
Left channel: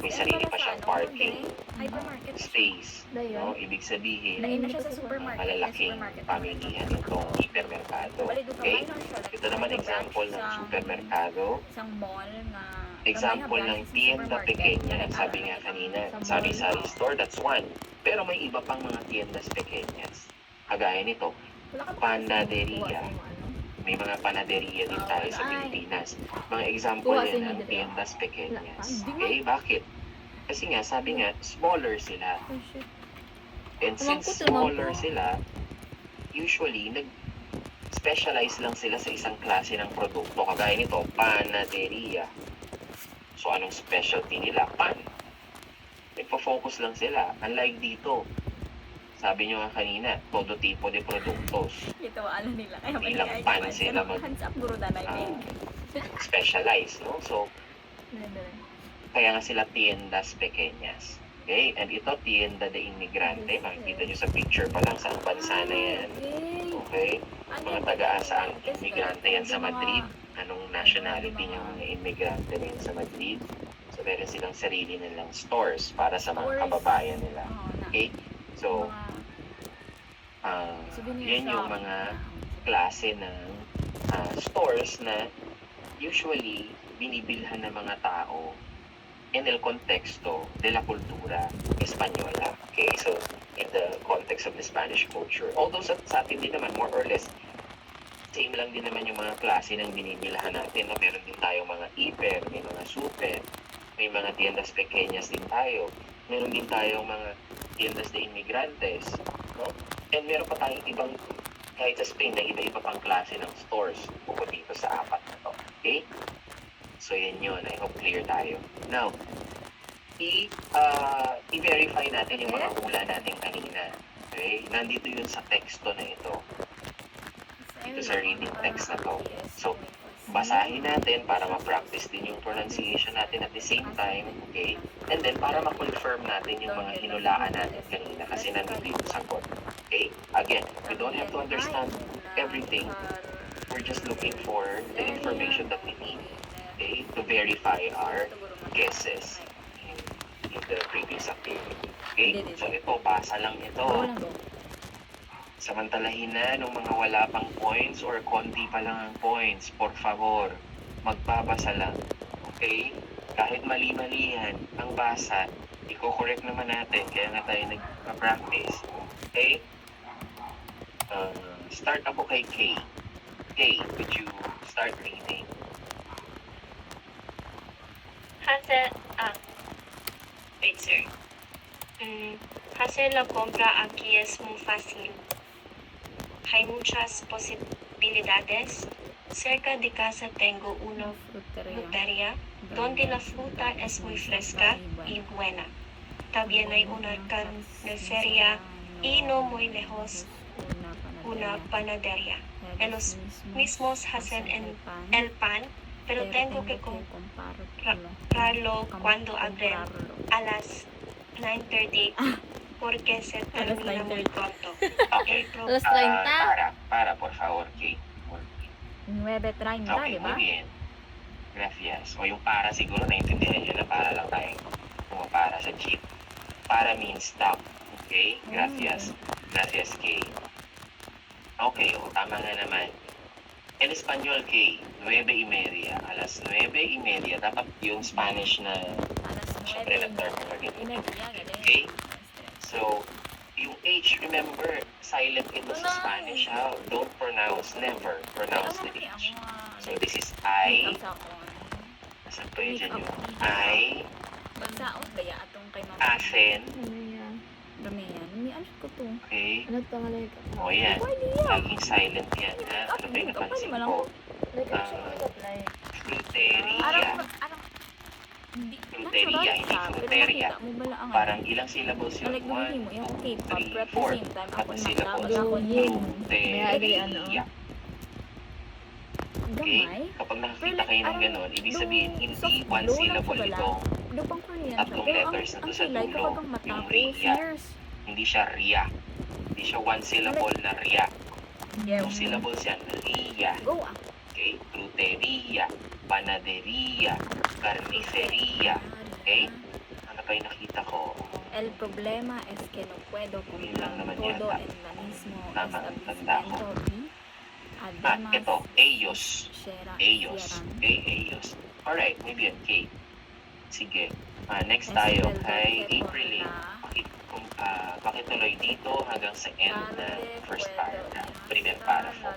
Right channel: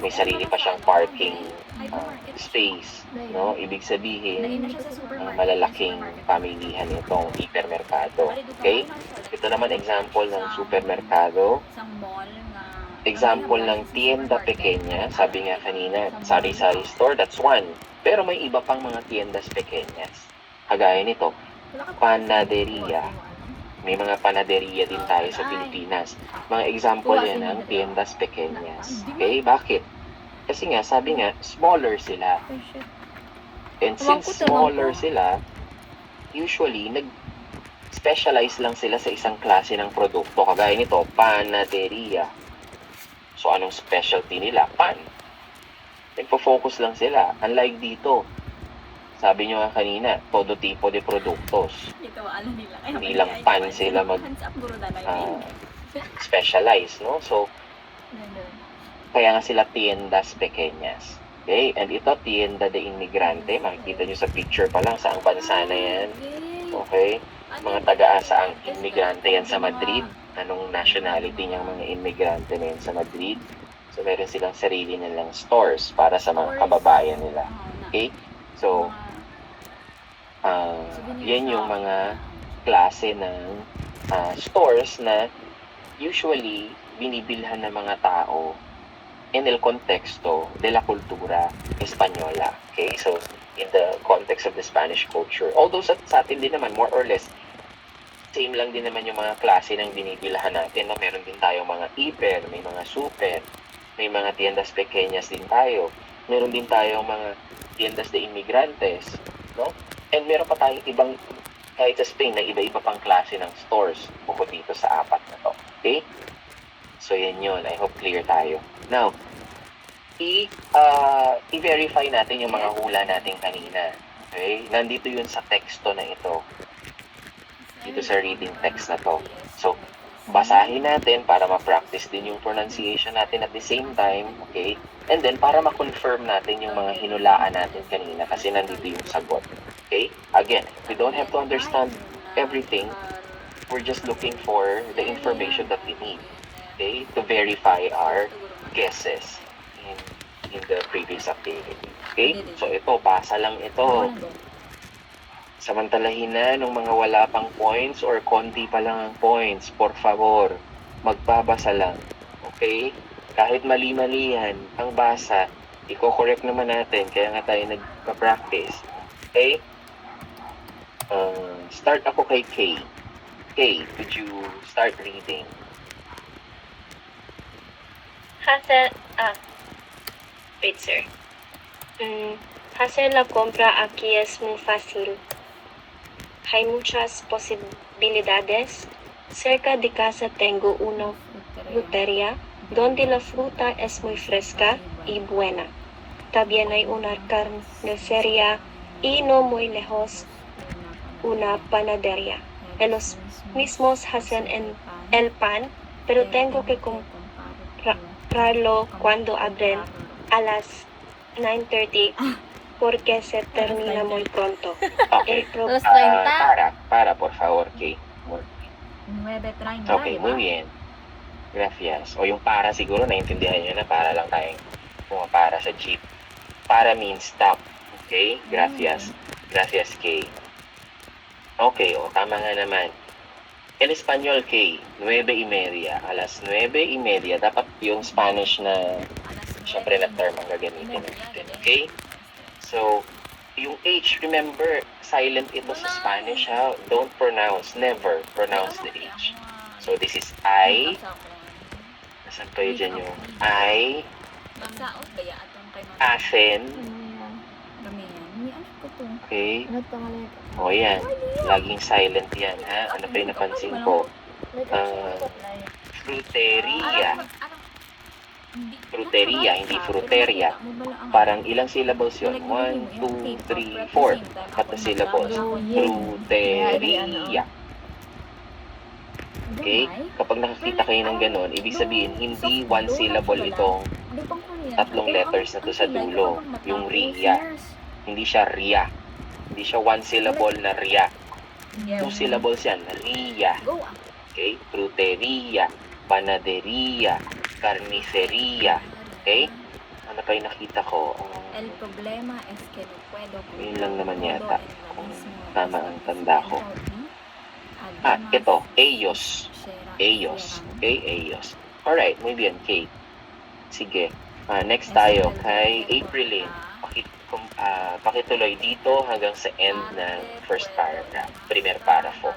may sarili pa siyang parking Hypermarket. space, no? Ibig sabihin, Lain na siya sa supermarket. malalaking pamilihan itong hipermerkado. Okay? Ito naman example ng supermerkado. Isang mall nga. Example ng tienda pequeña, sabi nga kanina, sari-sari store, that's one. Pero may iba pang mga tiendas pequeñas. Kagaya nito, panaderia. May mga panaderia din tayo sa Pilipinas. Mga example yan ng tiendas pequeñas. Okay, bakit? Kasi nga, sabi nga, smaller sila. And since smaller sila, usually, nag-specialize lang sila sa isang klase ng produkto. Kagaya nito, panaderia. So, anong specialty nila? Pan. Nagpo-focus lang sila. Unlike dito, sabi nyo nga kanina, todo tipo de produktos. Ito, alam nila. Kaya Hindi lang pan sila Hands up, guro na naimig. specialize, no? So, kaya nga sila tiendas pequeñas. Okay? And ito, tienda de inmigrante. Makikita nyo sa picture pa lang, saang bansa na yan. Okay? Mga taga-asaang immigrante yan sa Madrid. Anong nationality niyang mga immigrante na yan sa Madrid. So, meron silang sarili nilang stores para sa mga kababayan nila. Okay? So, Yan yung mga klase ng stores na usually binibilhan ng mga tao en el contexto de la cultura española. Okay, so in the context of the Spanish culture. Although sa atin din naman, more or less, same lang din naman yung mga klase ng binibilhan natin. Na meron din tayong mga hiper, may mga super, may mga tiendas pequeñas din tayo. Meron din tayong mga tiendas de inmigrantes, no? And meron pa tayong ibang, kahit sa Spain, na iba-iba pang klase ng stores bukod dito sa apat na to. Okay? So, yan yun. I hope clear tayo. Now, i-verify natin yung mga hula natin kanina. Okay? Nandito yun sa teksto na ito. Dito sa reading text na to. So, basahin natin para ma-practice din yung pronunciation natin at the same time, okay? And then, para ma-confirm natin yung mga hinulaan natin kanina kasi nandito yung sagot. Okay? Again, we don't have to understand everything. We're just looking for the information that we need, okay? To verify our guesses in the previous activity. Okay? So, ito, basa lang ito. Samantalahin na nung mga wala pang points or konti pa lang ang points, por favor, magbabasa lang. Okay? Kahit mali-mali yan, ang basa, i-correct naman natin, kaya nga tayo nagpa-practice. Okay? Start ako kay Kay. Kay, could you start reading? Wait, sir. Hacer la compra aquí es muy fácil. Hay muchas posibilidades. Cerca de casa tengo una frutería donde la fruta es muy fresca y buena. También hay una carnicería y no muy lejos una panadería. Ellos mismos hacen el pan, pero tengo que comprarlo cuando abren a las 9:30 porque se termina muy pronto. El pro- Alas 30. Para, por favor, Kay. 9:30, Okay, di ba? muy bien. Gracias. O yung para siguro, naiintindihan nyo na para lang tayo para sa jeep. Para means stop. Okay? Gracias. Gracias, Kay. Okay, tama nga naman. El Español, Kay, 9:30. Alas 9:30. Dapat yung Spanish na syempre na term na ganito. Okay? So, yung H, remember, silent ito sa Spanish, ha? Don't pronounce, never pronounce the H. So, this is I. Nasaan pa yun dyan yung I, Bansaot ba ya atong kay Mama asen, Ramian? Ni ano ko to? okay? Ano pangalan ka? O yan, laging silent yan, ha? Ano pa yung napansin ko? Like, Fruteria. Fruteria, hindi fruteria. Parang ilang syllables yun? 1, 2, 3, 4. At the syllables. Fruteria. Okay? Kapag nakakita kayo ng ganun, ibig sabihin, hindi one syllable itong tatlong letters na to sa dulo. Yung ria. Hindi siya ria. Hindi siya one syllable na ria. Two syllables yan. Ria. Go ah. Okay? Fruteria. Panaderia. Carniceria. Okay? Ano pa yung nakita ko? El problema es que no puedo Yun lang comprar naman todo yata. en la mismo Tama, ang tanda ko. Además, Ito. Ellos. Shera- Ellos. Sheran. Okay, ellos. Alright, muy bien, Kate. Sige. Next tayo kay Aprilyn. Pakituloy dito hanggang sa end ng first paragraph. Primer parafo.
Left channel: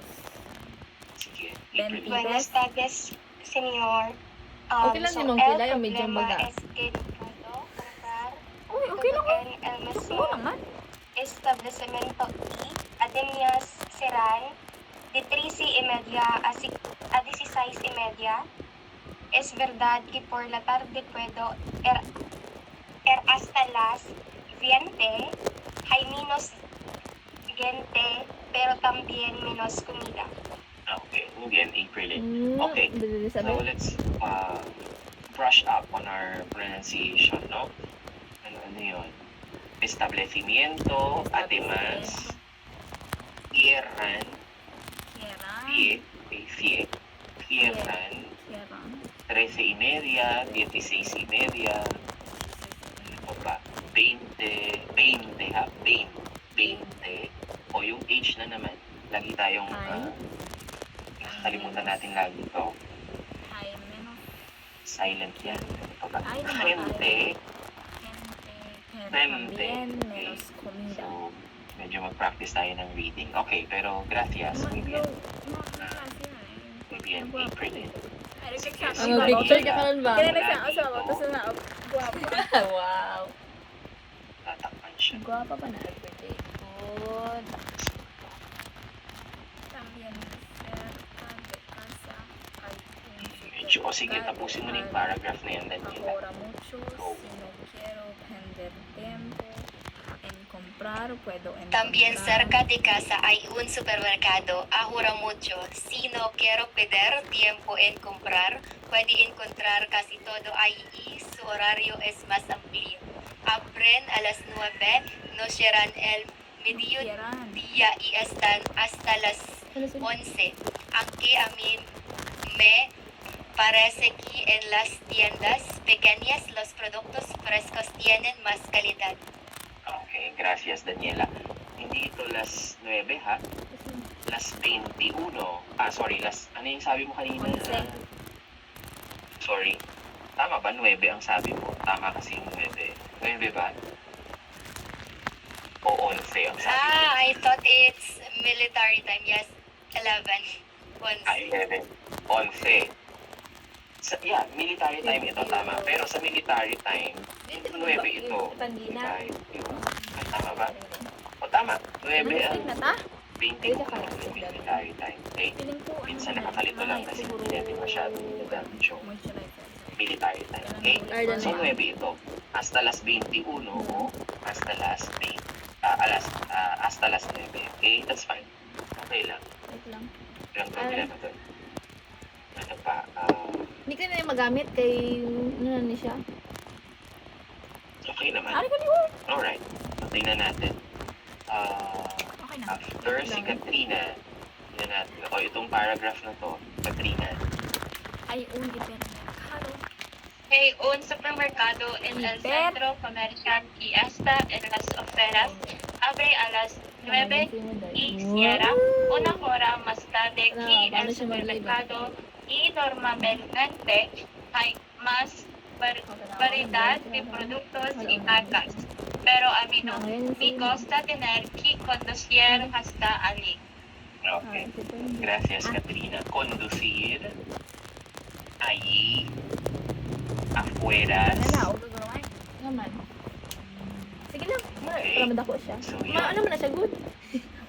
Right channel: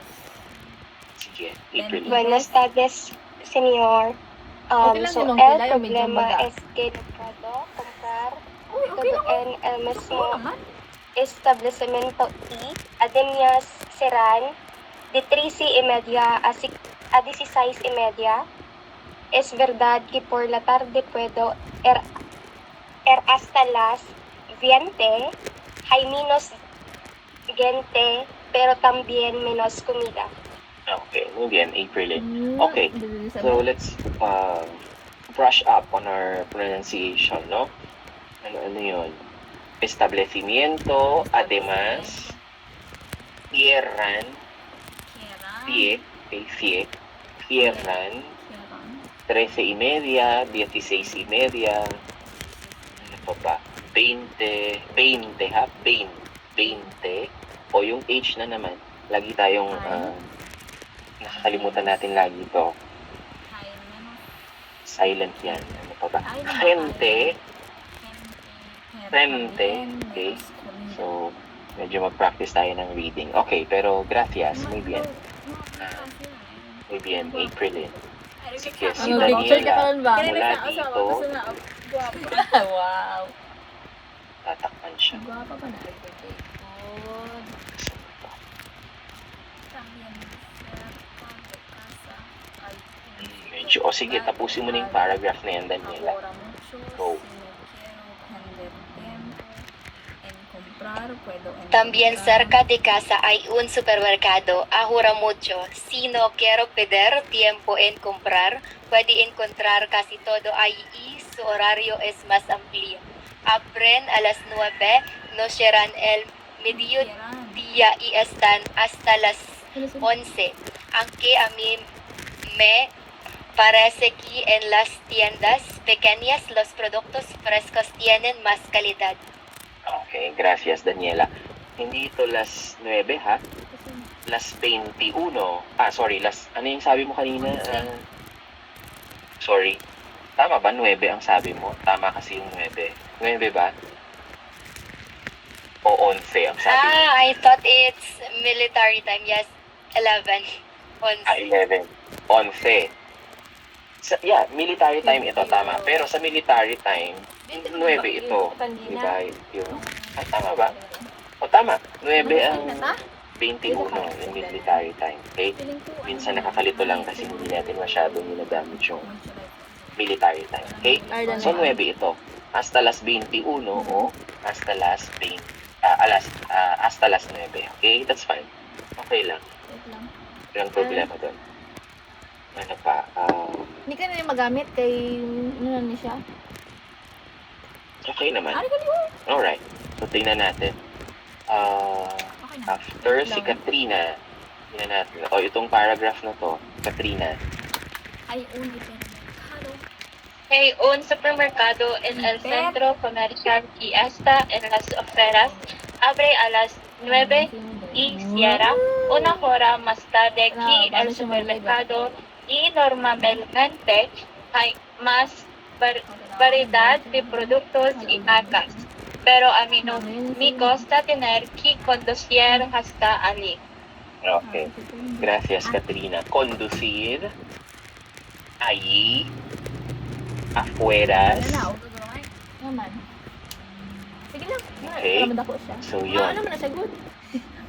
Sige, Aprilyn. Buenas tardes, señor. Okay lang yung mga kilay o medyo maga. Es que no puedo comprar Uy, okay lang. en el mismo Oo naman. establecimiento y además serán de 13:30 a 16:30. Es verdad que por la tarde puedo ir hasta las 20. Hay menos gente, pero también menos comida. Okay, muy bien, Aprilyn. Okay. Okay. So let's brush up on our pronunciation, no? Ano yun? Establecimiento, además, cierran, cierran, 13:30, 16:30, ano pa ba? 20, ha? 20, O yung H na naman, lagi tayong nakakalimutan natin lagi ito. Hay menos Silent yan. Ano pa ba? Ay, naman, Gente. gente, Frente. también Okay. menos comida. So, medyo mag-practice tayo ng reading. Okay, pero gracias. Muy bien. Muy bien. April eh. Ang picture ka karon ba? Kaya Wala nagsa dito. gusto nga guwapo. Wow. Tatakpan siya. Guwapa pa na everyday food. También cerca de casa hay un Medyo, o sige, tapusin mo na yung paragraph na yan, Daniela. Ahora mucho, Go. si no quiero perder tiempo en comprar, puedo encontrar. También cerca de casa hay un supermercado. Ahorra mucho. Si no quiero perder tiempo en comprar, puede encontrar casi todo ahí y su horario es más amplio. Abren a las 9, no cierran el mediodía y están hasta las 11. Aunque a mí me parece que en las tiendas pequeñas los productos frescos tienen más calidad. Okay, gracias, Daniela. Hindi ito las 9, ha? Las 21. Sorry, ano yung sabi mo kanina? Sorry. Tama ba? 9 ang sabi mo. Tama kasi yung 9. 9 ba? O 11 ang sabi mo. I thought it's military time. Yes, 11. 11. 11. 11. Yeah, military time ito, tama. Pero sa military time, 9 ito. Diba? Yun. Tama ba? O tama. 9 ang 21 yung military time. Okay? Minsan nakakalito lang kasi hindi natin masyado ninagamit yung military time. Okay? So 9 ito. Hasta las 21 o hasta las 20. Hasta las 9. Okay? That's fine. Okay lang. Wait lang. Walang problema doon. Ano pa? Hindi ka na magamit kay ano na siya. Okay naman. Ari ka niyo. Alright. So, tingnan natin. Okay na. After si Katrina, tingnan natin. Ito, itong paragraph na to, Katrina. Hay un hipermercado. Hay un supermercado en el centro comercial y está en las afueras. Abre a las 9 y cierra una hora más tarde que el supermercado y normalmente hay más variedad de productos y marcas. Pero a mí no me gusta tener que conducir hasta allí. Okay. Gracias, Katrina. Conducir. Allí. Afueras. Ano na, huwag gagawin. Naman. Sige lang. Okay. Para madako siya. So, yun. Ano man na siya good?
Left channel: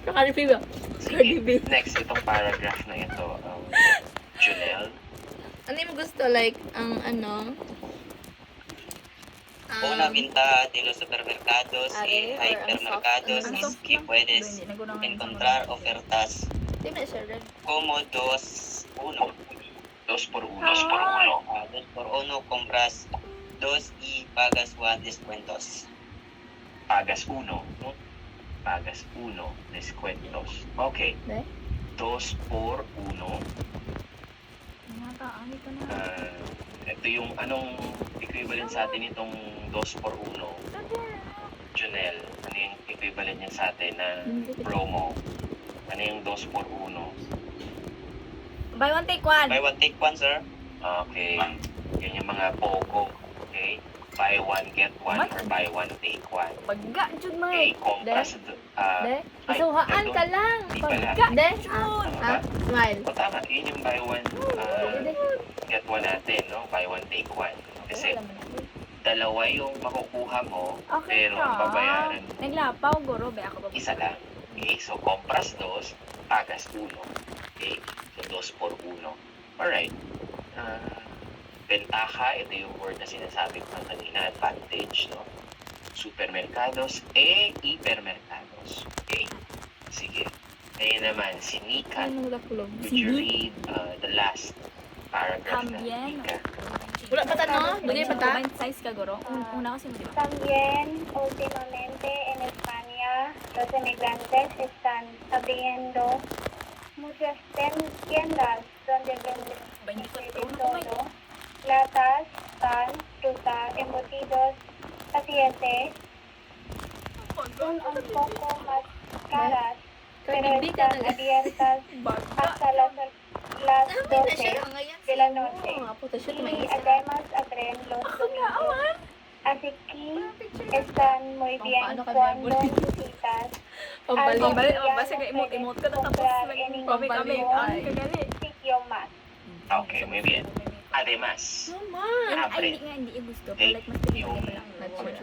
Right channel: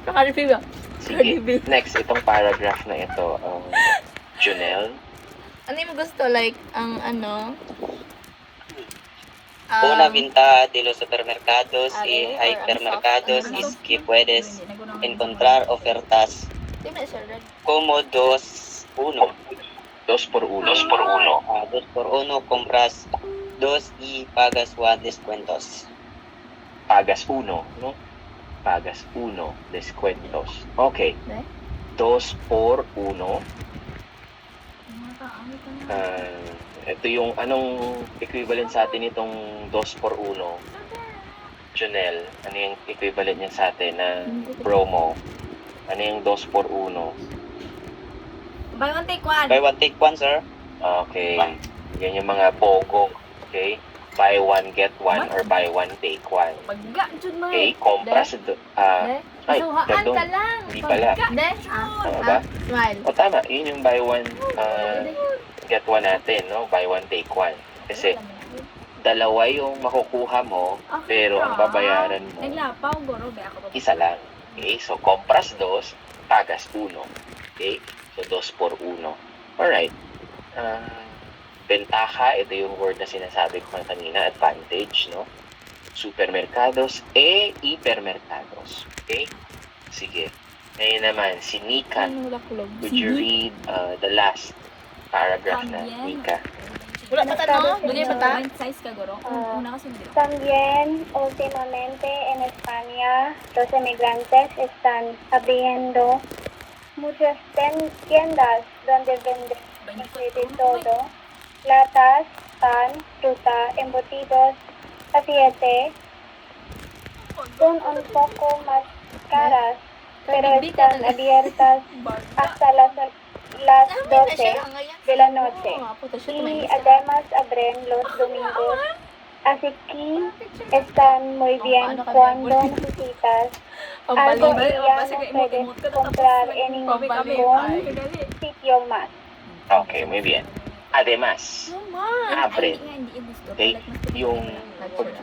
Cardi B ba? Cardi B. Next, itong paragraph na ito. Junel. Ano yung gusto? Like, ang ano? Una ventaja de los supermercados y Are, or hipermercados ang es que puedes encontrar ofertas Di ba siya red? como 2-1. 2 por 1. 2 por 1 compras 2 y pagas 1 descuentos. Pagas 1, no? Pagas 1. Descuentos. Okay. Ne? 2 por 1. Nataangit ka na. Ito yung anong equivalent sa atin itong 2 por 1. Junel, ano yung equivalent niyan sa atin na promo? Ano yung 2 por 1? Buy one, take one. Buy 1 take 1, sir. Okay. Yan yung mga pogo. Okay? Buy one, get one, What? or buy one, take one. Pagga, Jud mo Okay? Compras. De? Masuhaan pardon. ka lang. Di pala. De? Smile. O tama, yun yung buy one, get one natin, no? Buy one, take one. Kasi dalawa yung makukuha mo, Okay pero ang ka. babayaran mo, Naglapaw, goro, be ako ba? isa lang. Okay? So, compras 2, pagas 1. Okay? So, 2 por 1. Alright. Ventaja, ito yung word na sinasabi ko kanina, advantage, no? Supermercados hipermercados. Okay? Sige. Ngayon naman, si Nika. Ano nakulog? Would you read the last paragraph na, También. Nika? Wala pa ta, no? Dugay pa ta? Size ka, goro. Una kasi mo, di ba? También, últimamente en España, los emigrantes están abriendo muchas tiendas donde venden de todo, latas, pan, fruta, embutidos, aceite, son un poco más caras, pero Pagbibita están na- abiertas hasta las Dami na siya 12 ngayon. de la noche. Puta siya, y tumainit ka. además abren los domingos. Así que están muy bien Paano ka, cuando Bebol? visitas. Pampalibay. Basta kay emote-emote ka na tapos nag-comment kami. Ay, kagali. Sitio más. Okay, muy bien. Además, Naman. abre. Hindi gusto. Okay, Like, mas pili yung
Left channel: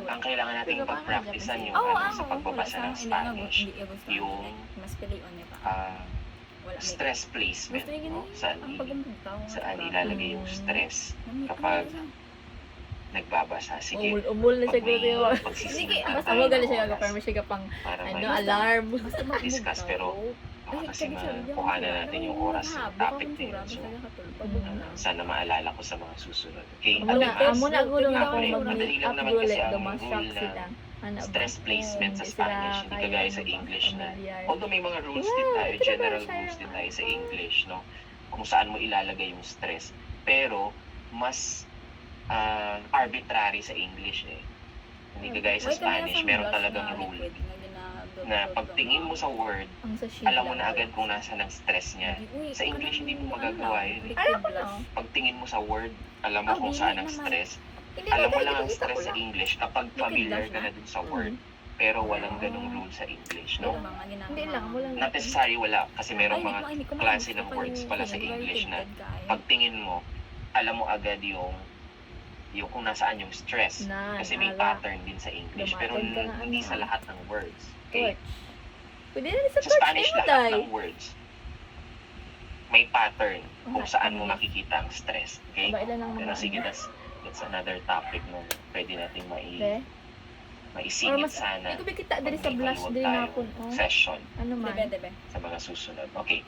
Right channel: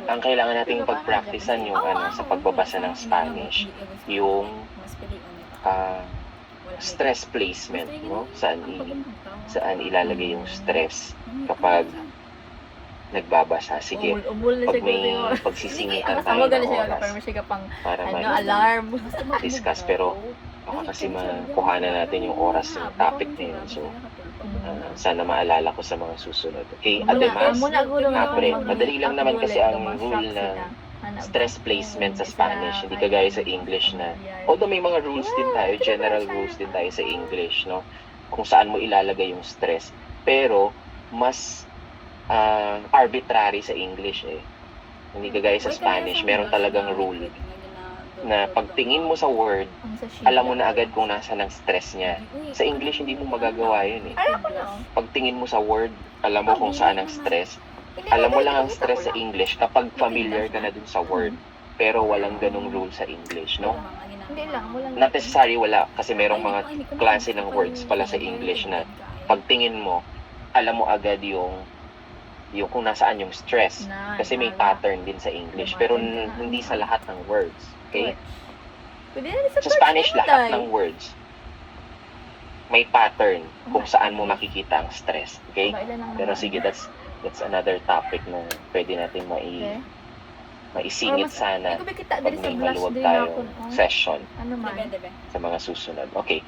ang kailangan nating pagpraktisan yung sa pagbabasa ng Spanish, yung mas pilion niya pa. Wala may stress placement, no? Saan ilalagay yung stress kapag nagbabasa. Sige, Umul na pag siya may gusto. pagsisingitan Basta tayo mo gano'n ng siya oras kapag siya kapang para alarm. discuss, pero baka kasi makuhanan natin yung oras ng topic na yun. So, sana maalala ko sa mga susunod. Okay, además, Muna gulo nga Abre. kung Madali lang naman kasi ang rule dumastruct na sila. stress placement sa Spanish, hindi kagaya sa English na, although may mga rules din tayo, general rules din tayo sa English, no? Kung saan mo ilalagay yung stress. Pero, mas arbitrary sa English eh. Hindi kagaya sa Spanish, meron talagang rule na pagtingin mo sa word, alam mo na agad kung nasa ng stress niya. Sa English, hindi mo magagawa yun eh. Pagtingin mo sa word, alam mo kung saan ang stress. Alam mo lang ang stress sa English kapag familiar ka na dun sa word. Pero walang ganong rule sa English, no? Hindi lang, walang Not necessary wala, kasi merong mga klase ng words pala sa English na pagtingin mo, alam mo agad yung kung nasaan yung stress. Kasi may pattern din sa English. Pero hindi sa lahat ng words. Okay? Pwede na sa Sa Spanish, lahat ng words may pattern kung saan mo makikita ang stress. Okay? Pero sige, that's another topic na pwede natin maisingit sana. Hindi ko kita dari sa pag may blush maluwag din ako. tayong session Ano man? sa mga susunod. Okay.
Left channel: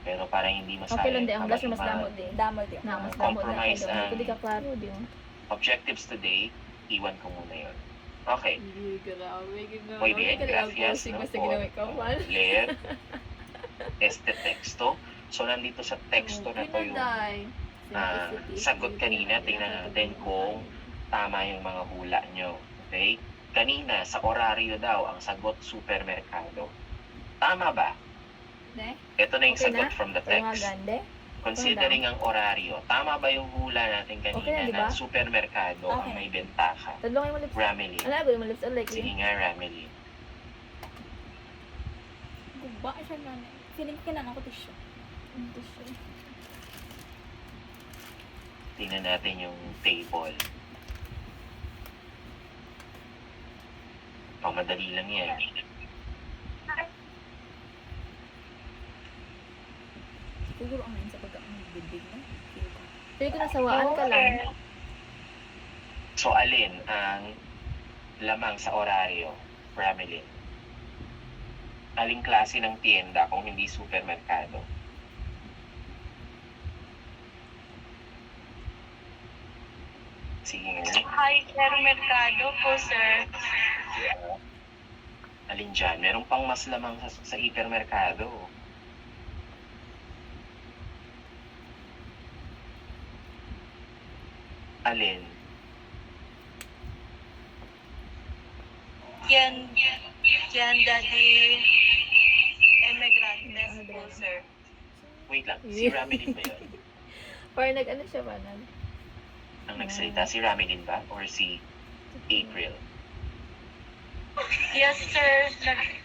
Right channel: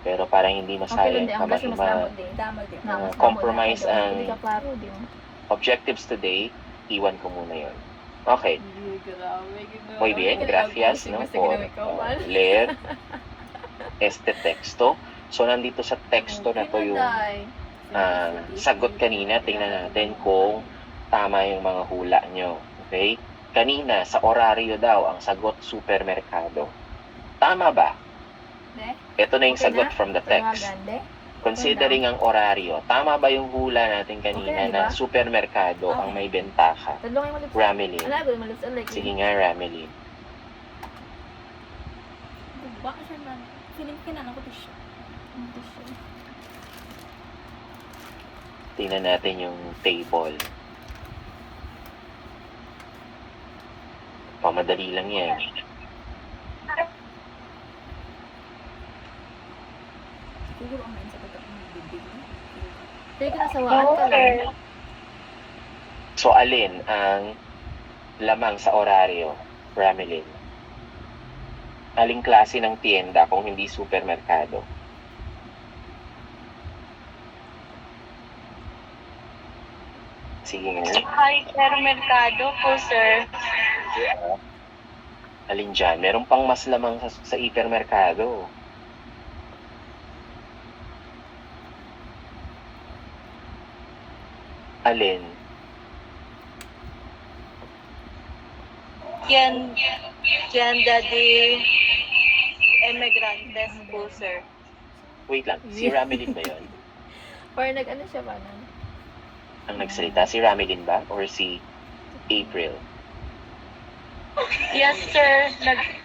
Pero parang hindi Okay masayang lang din. Ang blush mas damot din. Damol din. Na, mas damot na compromise kayo. ang- Hindi ka klaro din. objectives today, iwan ko muna yun. Okay. Muy bien, Grabe, gracias, no, por leer este texto. So, nandito sa texto na to yung sagot kanina. Tingnan natin kung tama yung mga hula nyo. Okay? Kanina, sa oraryo daw, ang sagot supermerkado. Tama ba? Ito na yung Okay sagot na? from the Pero nga text. gande. Considering ang oraryo, tama ba yung hula natin Okay kanina na, di na ba? supermerkado ang may bentaha? Tadlong yung malips. Ramelin. Ano ba yung malips? Like, Sige nga, Ramelin. Guba siya man. Feeling ko kailangan ko tissue. Tingnan natin yung table. Pamadali lang yan. Siguro ang main sa pagka-bibig mo. Pili ko nasawaan ka lang. So, alin ang lamang sa oraryo, Ramelin? Aling klase ng tienda kung hindi supermerkado? Sige nga. Hi, supermerkado po, sir. Alin dyan? Meron pang mas lamang sa hipermerkado. Alin? Tienda de Emigrantes po, sir. Wait lang, si Ramelin ba yun? Or nag-ano siya ba? Ang nagsalita, si Ramelin ba? Or si April? Yes, sir.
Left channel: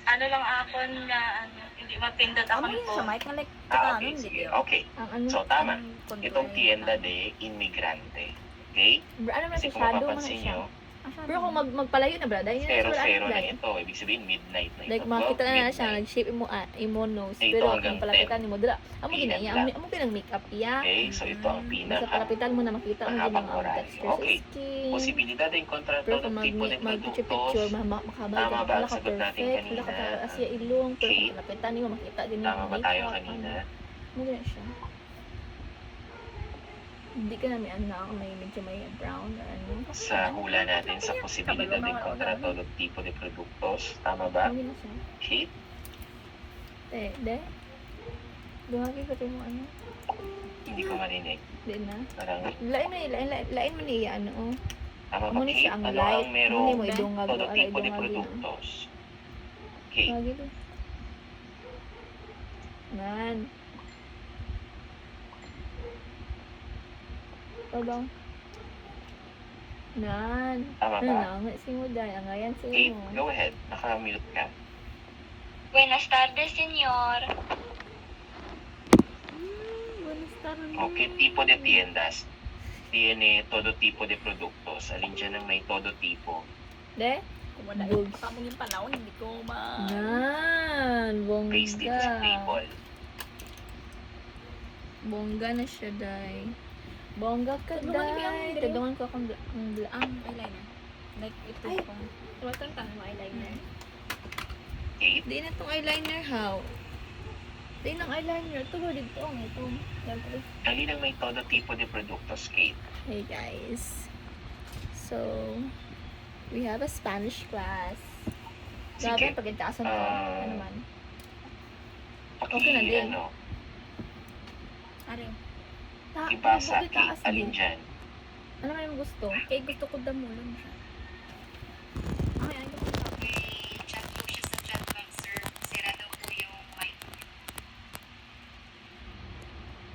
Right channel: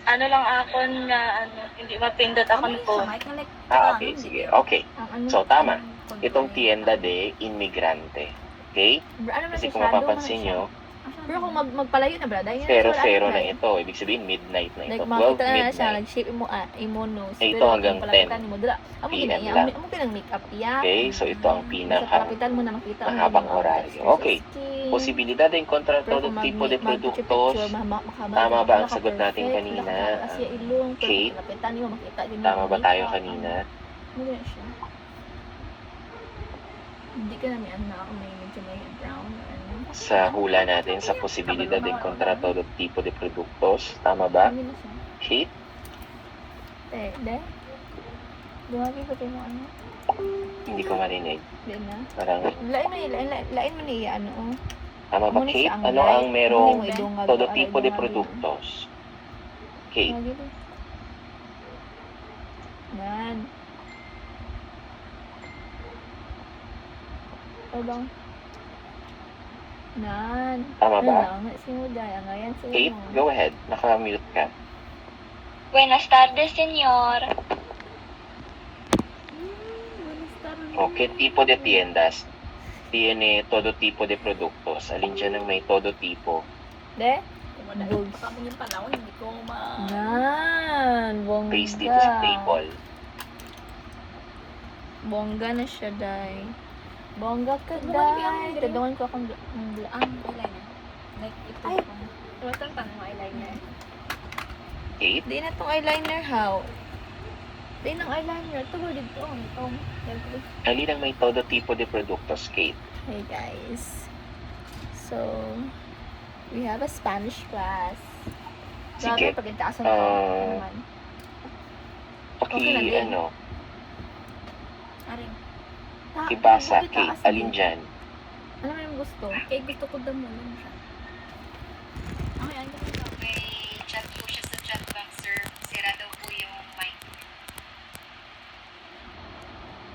Ano lang ako na hindi mapindot ako Amo po. sa mic nga like Okay, sige. Okay. Ang ano? So, tama. ang Itong contour tienda de inmigrante. Okay? Ano na Kasi siya? kung Shadow man na mapapansin siya. nyo, Pero kung magpalayo na, brad, ayun na pero wala zero na na ito. Ibig sabihin, midnight na ito. Like, makita na siya, midnight. nag-shape mo nose. Eh, ito Pero hanggang kung palapitan mo, dira, amo PM ginaya, lang. amo pinang makeup iya. Okay, so ito ang Sa pinaka palapitan mo na makita mo din mahabang ang oraryo. texture sa Okay. skin. posibilidad de encontrar Pero todo kung tipo de mag-picture, productos. makabal. Tama ba ang sagot natin kanina? Wala ka asya ilong, pero Okay. kung palapitan mo, makita din yung Tama ba tayo makeup, kanina? Ano ganyan siya. Hindi ka namin anak, may medyo may brown or ano. Sa hula natin, sa posibilidad de encontrar todo tipo de productos. Tama ba? Ano ganyan siya. Okay. De? Dumagi pa tayo mo ano? Hindi ko marinig. Di na. Parang, Lain man niya, ano, oh. tama ba, Amo ni Kate? siya ang Ano light. ang Amo ni merong mo idungag. todo aray, tipo de idungag yun. productos? Kate, Dumagi din. Nan. Ito bang? Nan. Tama ba? Nanangat si mo dahil. Ang ayan sa Kate, mo. go ahead. Naka-mute ka. Buenas tardes, señor. Buenas tardes. Okay, tipo de tiendas. Tiene todo tipo de productos. Alin dyan ang may todo tipo? De? Kung wala Goods. yung pakamungin panahon, hindi ko Nan. Please dito sa Bongga. table. Bongga na siya, day. Bongga ka, Ano ba yung day. diri? Tadungan ko akong ang eyeliner. Like, ito Ay. ko. Tumatang tanong mo eyeliner. Kate? Di na tong eyeliner, how? Di nang eyeliner. Ito ko dito. Ito. Yan po. Alin ang may todo tipo de productos, Kate? Hey guys. So, we have a Spanish class. Sige. Grabe, pagintaasan ko. Ano man. Okay na din. Ano, Aring. ibasa, bakit Kate, taas alin din? dyan? Ano man yung gusto? Kaya gusto ko damulan siya. Okay, ayun ko siya. Okay, chat po siya sa chat box, sir. Sira daw po yung mic.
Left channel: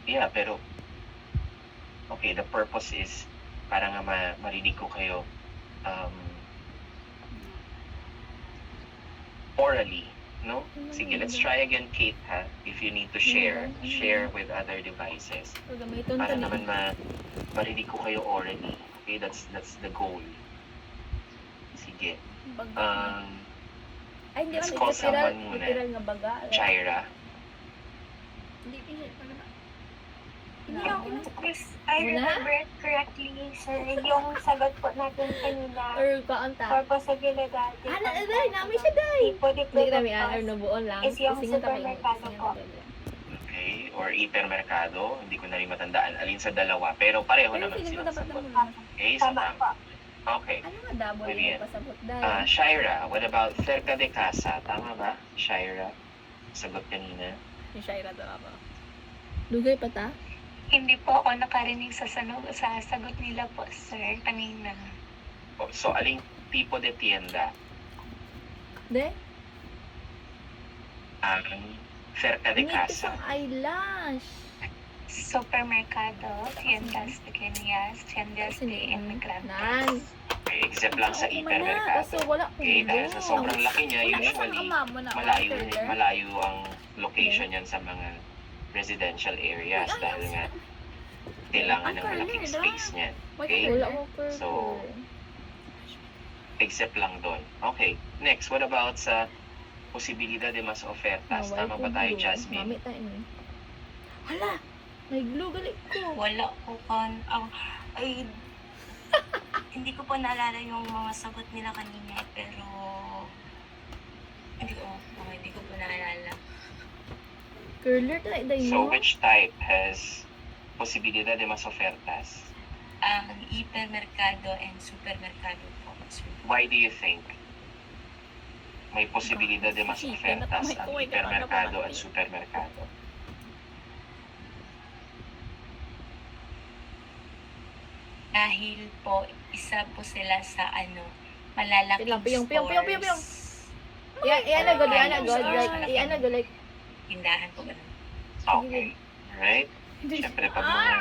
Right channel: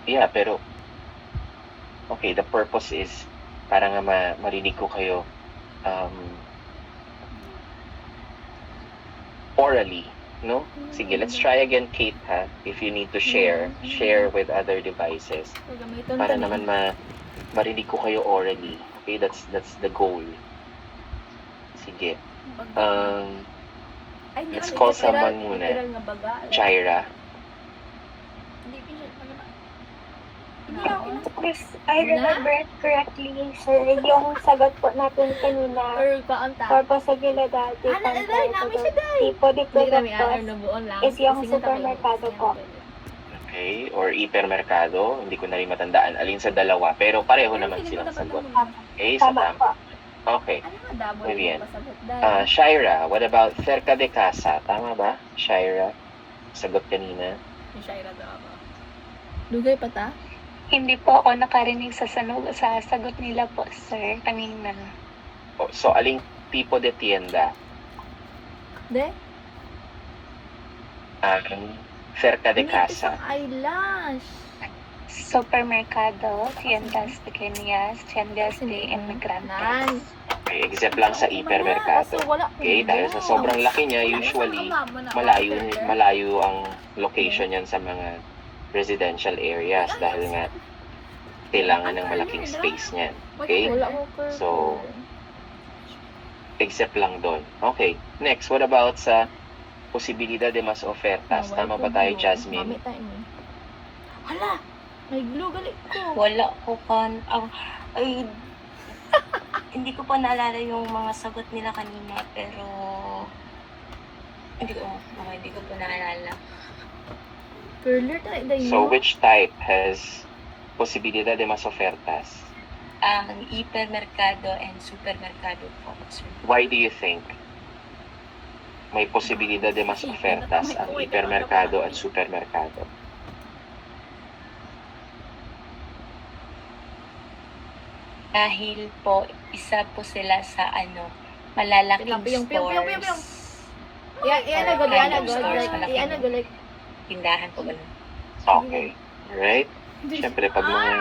Yeah, pero okay, the purpose is para nga marinig ko kayo orally, no? Sige, let's try again, Kate, ha? If you need to share with other devices. So, gamiton Para ta naman din. marinig ko kayo orally. Okay, that's the goal. Sige. Ay, hindi let's man. call Literal, someone muna. literal nga baga. Jaira. Hindi ko siya maganda. Hindi ako Chris, I Muna? remember it correctly, sir. Yung sagot po natin kanina, Or kaanta. for posibilidad. Day, namin siya, day. Tipo de Hindi kami productos ano buon lang. is yung Singan ta kayo. supermerkado Singan po. ta kayo. Okay, or hipermerkado. Hindi ko na rin matandaan alin sa dalawa. Pero pareho Pero naman feeling ko silang dapat sagot. damulan. Okay, so Tama po. Okay. Ano nga dabo Muy bien. yung pasabot dahil? Shaira, what about cerca de casa? Tama ba? Shaira? Sagot kanina. Yung Shaira daw ba? Dugay pa ta? Hindi po ako nakarinig sa sagot nila po, sir, kanina. So, aling tipo de tienda? De? Cerca de Nipis casa. ang eyelash. Supermercado, tiendas pequeñas, tiendas de Nan. inmigrantes. Okay, except lang sa Kaso hipermerkado. wala ko Okay, dahil sa sobrang laki niya, usually, malayo ang location yan sa mga residential areas dahil nga kailangan ng malaking space niyan. Okay? Wala ko curve. So, except lang doon. Okay, next, what about sa posibilidad de mas ofertas? Tama ba tayo, Mami Jasmine? tayo ni. Hala! May glue galit ko. Wala ko ay, hindi ko pa naalala yung mga sagot nila kanina, pero hindi ko po naalala. Curler tayo day So, no? which type has posibilidad de mas ofertas? Ang hipermerkado and supermerkado po. Why do you think may posibilidad de mas ofertas ang hipermerkado at supermerkado? Dahil po, isa po sila sa malalaking Piyong. stores. Iyan na good. Like, iyan na good. Like, Tindahan po ganun. Okay. Alright? Siyempre, pag mga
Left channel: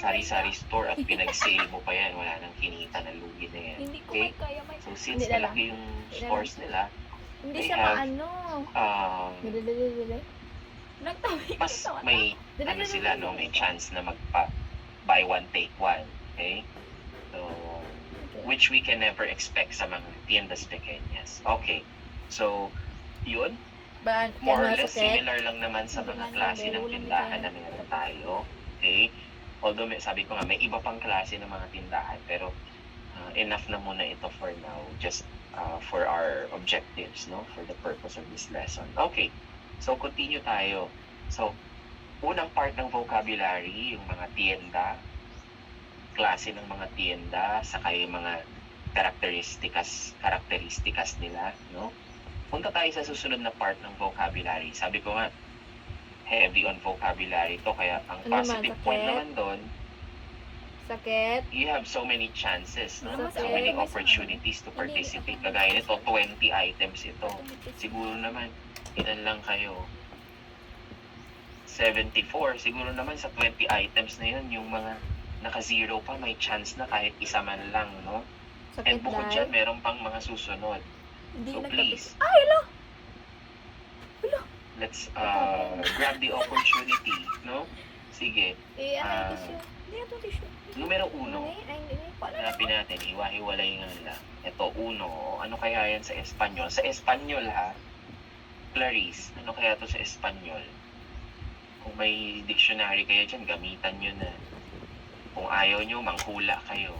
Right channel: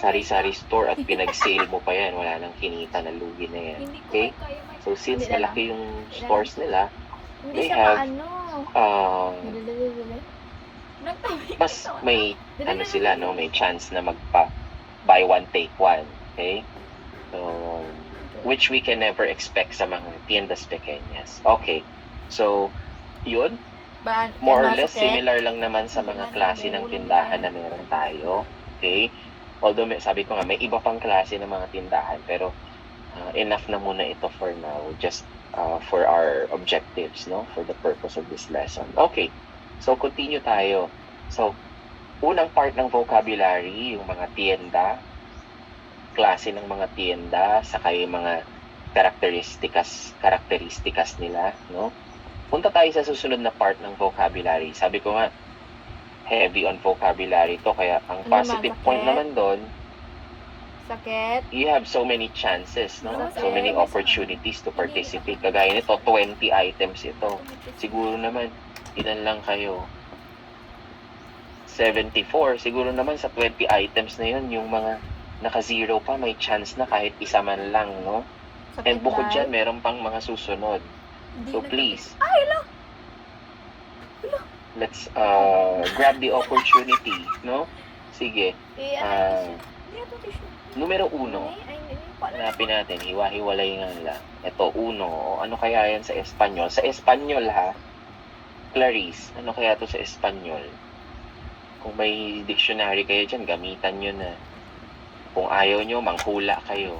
sari-sari store at pinag-sale mo pa yan, wala nang kinita na lugi na yan. Hindi ko Okay? may kaya may. So, since Hindi na lang. malaki yung stores nila, hindi They siya have, maano. Dali. Nagtabi ko mas sa may, sila, no? May chance na buy one, take one. Okay? So, which we can never expect sa mga tiendas pequeñas. Okay. So, yun. More or less similar lang naman sa mga klase ng tindahan na meron tayo. Okay? Although sabi ko nga, may iba pang klase ng mga tindahan, pero enough na muna ito for now, just for our objectives, no? For the purpose of this lesson. Okay. So, continue tayo. So, unang part ng vocabulary, yung mga tienda, klase ng mga tienda, saka yung mga karakteristikas nila, no? Punta tayo sa susunod na part ng vocabulary. Sabi ko nga, heavy on vocabulary to, kaya ang positive point naman doon, Sakit. you have so many chances, no? So many opportunities to participate. Kagaya nito, 20 items ito. Siguro naman, ilan lang kayo 74. Siguro naman sa 20 items na yun, yung mga naka-zero pa, may chance na kahit isa man lang, no? And Sakit bukod dahil. dyan, meron pang mga susunod. Hindi So nagkapit. please, Ay, hello! let's grab the opportunity, no? Sige. Hindi ito tissue. Numero 1. Ay, hindi. Paano? Hanapin natin, hiwa-hiwalay nga lang. Ito, 1. O ano kaya yan sa Espanyol? Sa Espanyol, ha? Clarice, ano kaya to sa Espanyol? Kung may dictionary kayo dyan, gamitan nyo na. Kung ayaw nyo, manghula kayo.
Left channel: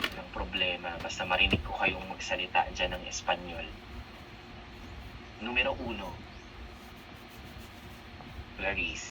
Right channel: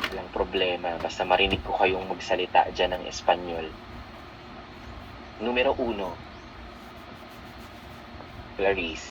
Walang problema. Basta marinig ko kayong magsalita dyan ng Espanyol. Numero 1. Clarice.